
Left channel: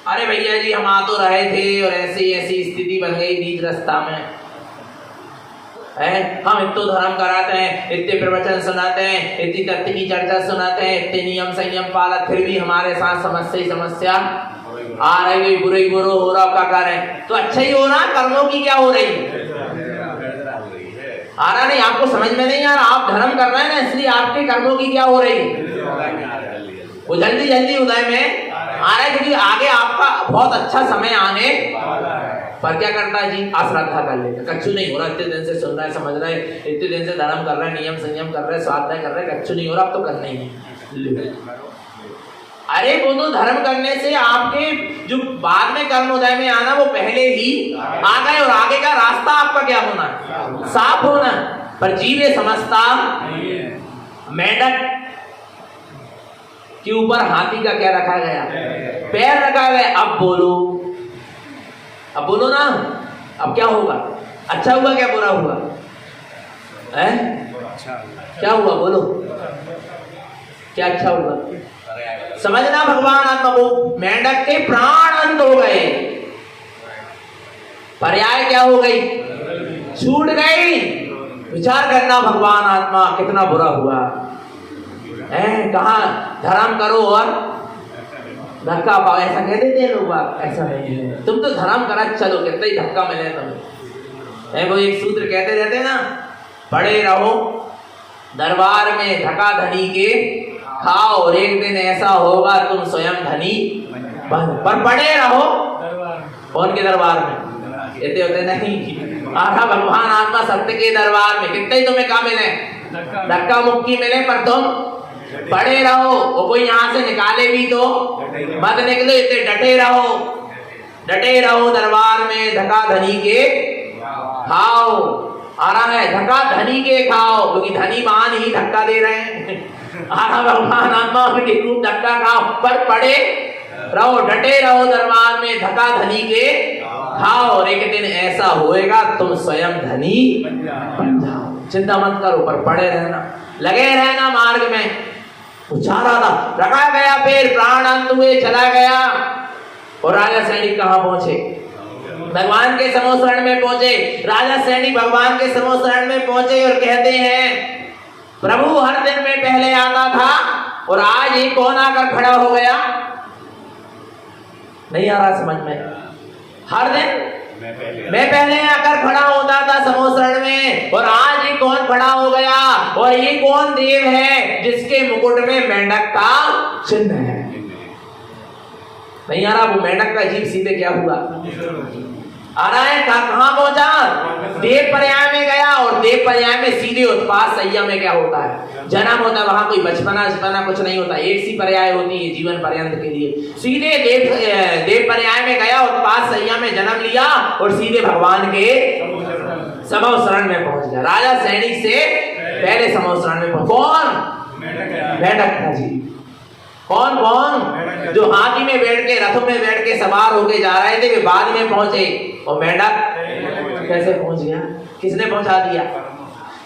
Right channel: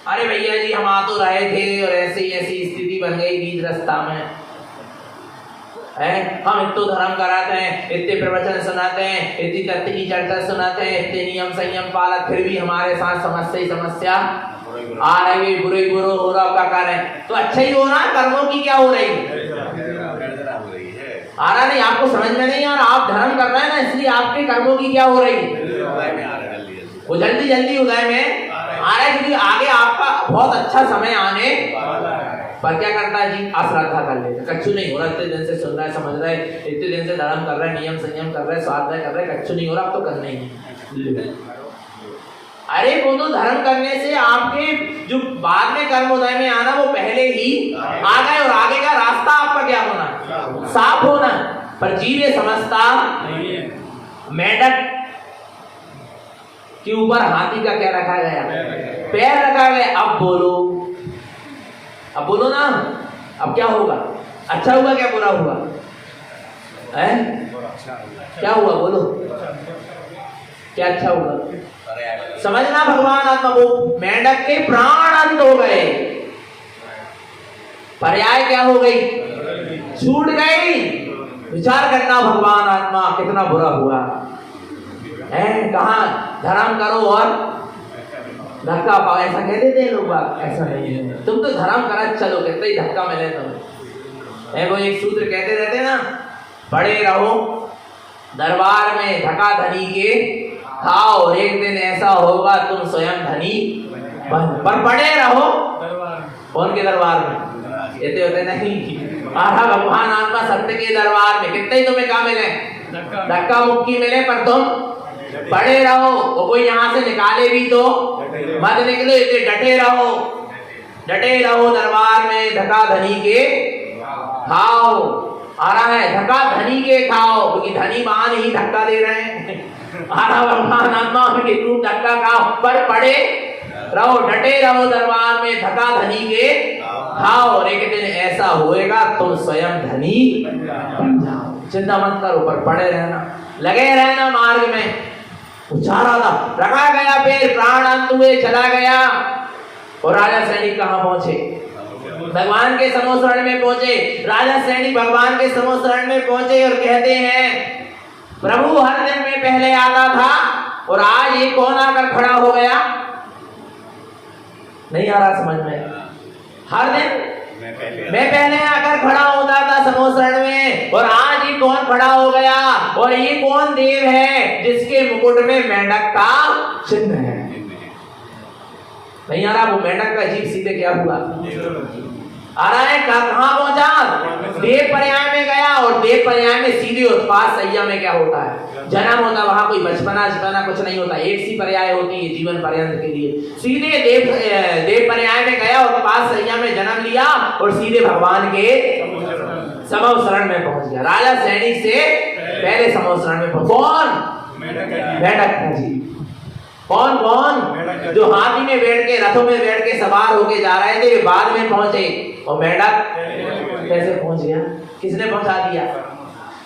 अरे भैया जी, हम आ तो रहे थे और ऐसी ऐसी स्थिति बन गई बीच रास्ता में, हम इतो धर्म कराते हैं, इतने प्रवचन सुनाते हैं, इतनी तथ्य की चर्चा सुनाते हैं, इतने नियम संयम पालन, फिर भी हमारे साथ समस्या आ रही, बुरे बुरो हो रहा, क्या कर रहे हैं? तो अच्छा ही हो रहा, कर्मों की क्या हो रही आ रहा नहीं, आपको समझ में नहीं आ रहा। आप धर्म कर रहे हैं ना, इसलिए आपके कर्मों की क्या हो रही, वो जल्दी जल्दी उदय में आ रहा है, क्योंकि आगे आपका बहुत अच्छा समय आने पर क्या करता है जी, अश्रद्धा कर लेता। कच्चू नहीं हो रहा, इतने दिन से सुन रहा है, समझ रहा है, इतने दिन से धर्म कर रहा है, नियम संयम कर रहा है, स्वाध्याय कर रहा है, कच्चू नहीं हो रहा, अब तो करना ही है। अरे वो तो धर्म करने से आपके जो बाद में कर्म उदय में आना वो पहले ही आ गए, और आगे का रास्ता आपका क्या होना, साफ होना। पर जीव ये समझता मेंढक के ऊपर हाथी का क्या रखा गया, पैर रखा गया। अब बोलो ना, अब क्या होगा, अच्छा हुआ क्या बुरा हुआ है, क्या हुआ बोलो, क्या अच्छा हुआ, समझना भगवान आत्मा। वो मेंढक के प्राण अंत हो गए, पर्याय क्या हो गई, छूट गई। विचार करना भगवान आत्मा कितना बुरा हुआ है। कहा धर्म करो और धक्का पाओ, ऐसा कह देते हैं लोग, ऐसा नहीं है। तुम तो धर्म करा चलो, कितना ही धक्का मिले तुम। वो एक सूत्र कहते रहते हैं ना, पड़े रहो दरबार में धक्का धनी के खाओ, और एक दिन ऐसा होगा तुम स्वयं धनी बन। पर पड़े रहो कौन के दरबार में, कहते होते नहीं, आहा भगवान आत्मा सत्य के दरबार में कितने ही तुम्हें काम मिले, धक्का मुक्की मिले, पर तुम पड़े रहो। वो कोई यहाँ से निकाले भी तो मत निकलो, इतने डटे रहो दरबार में, धक्का धनी के खाओ। आ रहा है धक्का धनी के खाओ, क्योंकि धनी मान ही धक्का दे रहे हैं। आ रहा भगवान आत्मा के रूप धक्का खाओ, पर पड़े रहो, डटे रहो दरबार में, धक्का धनी के खाओ, और एक दिन ऐसा होएगा तुम स्वयं धनी बन जाओ। चिंता मत करो, पर पड़े रहना, लगे रहना मार्ग में। उछाला था, रखा गया पैर, प्राण अंत हुए, चला गया। और राजा सैनिक कहाँ पहुंचे, भगवान के समोसरण में पहुंचे। राजा सैनिक भगवान के समोसरण में पहुंचे और कहते हैं, प्रभु हर दिन में पहले आता था और आज ये कौन आकर खड़ा हो गया। नहीं आ रहा समझ में, हर दिन मैं पहले आकर खड़ा होता था समोसरण में, और आज ये कौन खड़ा हो गया, और ये कौन देव है जिसके मुकुट में मेंढक का चिन्ह है। नहीं आ रहा, वो मेंढक का जीव सीधे क्या हुआ, आ रहा है कहां पहुंचा, देव पर्याय में गया, और देव पर्याय में सीधे उत्पात सैया में क्या होता है, जन्म होता है। वहां कोई बचपना जितना कुछ नहीं होता, एक सी पर्याय होती है जीवन पर्यंत के लिए। सीधे देव पर्याय में गया, उत्पात सैया में जन्म लिया, और सीधे भगवान के समोसरण में पहुंच गया। राजा सैनिक से पहले समोसरण में कौन, मेंढक था जी। कौन जो हाथी में बैठ के, रथों में बैठ के सवार होके जा रहे थे, वे बाद में पहुंचे, और मेंढक कैसे पहुंच गया, किसने पहुंचा दिया,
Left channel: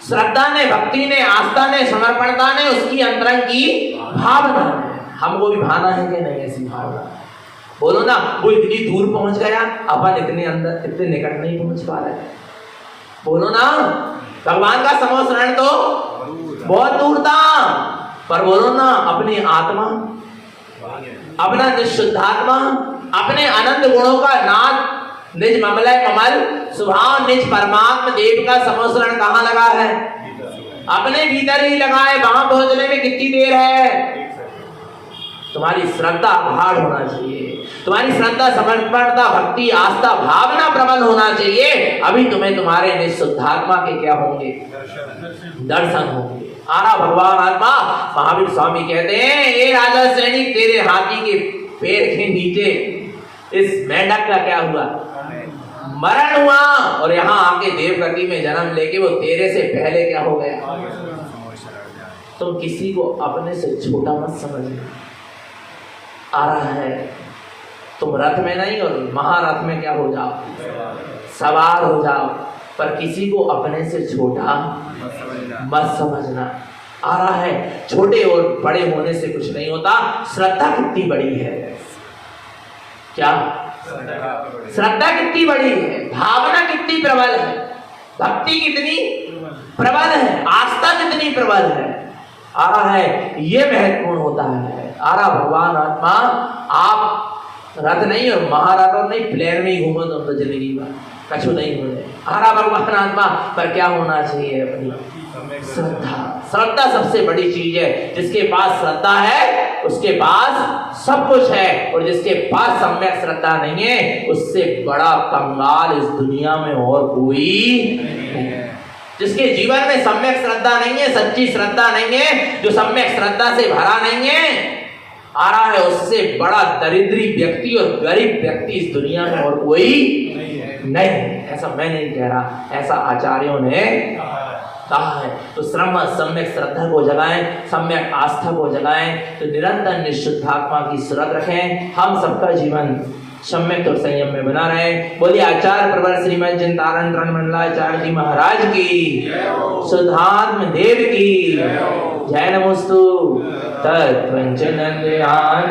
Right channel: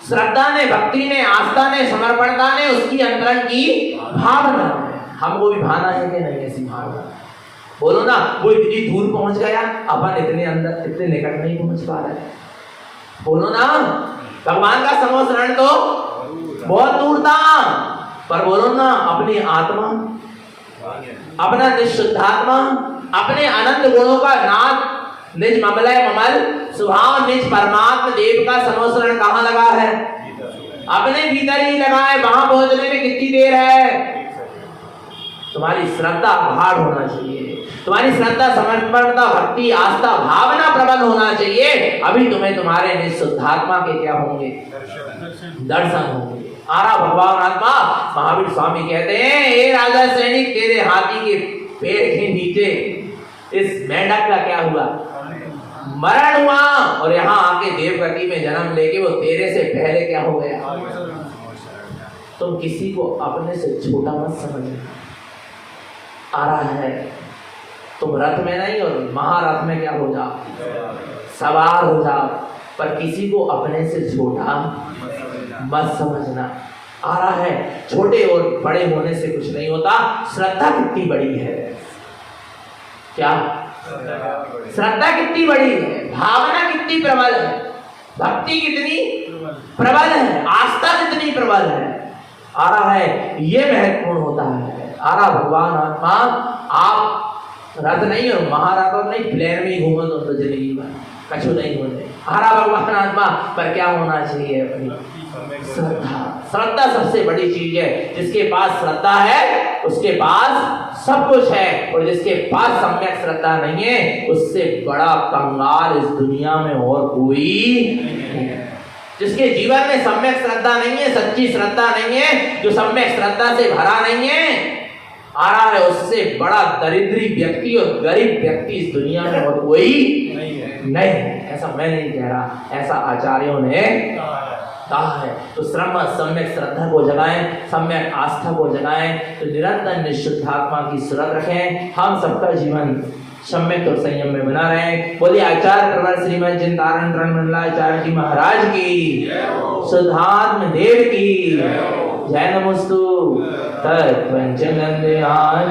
श्रद्धा ने, भक्ति ने, आस्था ने, समर्पणता ने, उसकी अंतरंग की भावना ने। हमको भी भाना है कि नहीं ऐसी भावना, बोलो ना। वो इतनी दूर पहुंच गया, अपन इतने अंदर, इतने निकट नहीं पहुंच पा रहे, बोलो ना। भगवान का समोसरण तो बहुत दूर था, पर बोलो ना, अपनी आत्मा, अपना निशुद्धात्मा, अपने अनंत गुणों का नाथ, निज ममलय ममल स्वभाव, निज परमात्मा देव का समोसरण कहाँ लगा है, अपने भीतर ही लगा है। वहां पहुंचने में कितनी देर है। तुम्हारी श्रद्धा प्रगाढ़ होना चाहिए, तुम्हारी श्रद्धा, समर्पणता, भक्ति, आस्था, भावना प्रबल होना चाहिए। अभी तुम्हें तुम्हारे निशुद्धात्मा के क्या होंगे, दर्शन होंगे। आरा भगवान आत्मा महावीर स्वामी कहते हैं, ए राजा सैनिक, तेरे हाथी के पैर के नीचे इस मेंढक का क्या हुआ, मरण हुआ, और यहाँ आके देवगति में जन्म लेके वो तेरे से पहले क्या हो गया। तुम किसी को अपने से छोटा मत समझना। आ रहा है, तुम रथ में नहीं और महारथ में क्या हो जाओ, सवार हो जाओ, पर किसी को अपने से छोटा मत समझना। आ रहा है, छोटे और बड़े होने से कुछ नहीं होता। श्रद्धा कितनी बड़ी है, क्या श्रद्धा कितनी बड़ी है, भावना कितनी प्रबल है, भक्ति कितनी प्रबल है, आस्था कितनी प्रबल है। आ रहा है, ये महत्वपूर्ण होता है। आ रहा भगवान आत्मा, आप रथ नहीं और महारथ नहीं, प्लेन में ही घूमो तो जिंदगी में कछु नहीं होने। आ रहा भगवान आत्मा, पर क्या होना चाहिए, अपनी श्रद्धा। श्रद्धा सबसे बड़ी चीज है। जिसके पास श्रद्धा है उसके पास सब कुछ है, और जिसके पास सम्यक श्रद्धा श्रद्धा नहीं है, उससे बड़ा कंगाल इस दुनिया में और कोई नहीं है। जिसके जीवन में सम्यक श्रद्धा नहीं है, सच्ची श्रद्धा नहीं है, जो सम्यक श्रद्धा से भरा नहीं है, आ रहा है, उससे बड़ा दरिद्री व्यक्ति और गरीब व्यक्ति इस दुनिया में और कोई नहीं। ऐसा मैं नहीं कह रहा, ऐसा आचार्यों ने कहा है। तो सम्यक श्रद्धा को जगाएं, सम्यक आस्था को जगाएं, तो निरंतर निशुद्धात्मा की सुरत रखें। हम सबका जीवन सम्यक और संयम में बना रहे। बोलिए आचार्य प्रवर श्रीमद चिंतारण मंडलाचार्य जी महाराज की, शुद्धात्म देव की जय। नमोस्तु तत्वंचन ध्यान।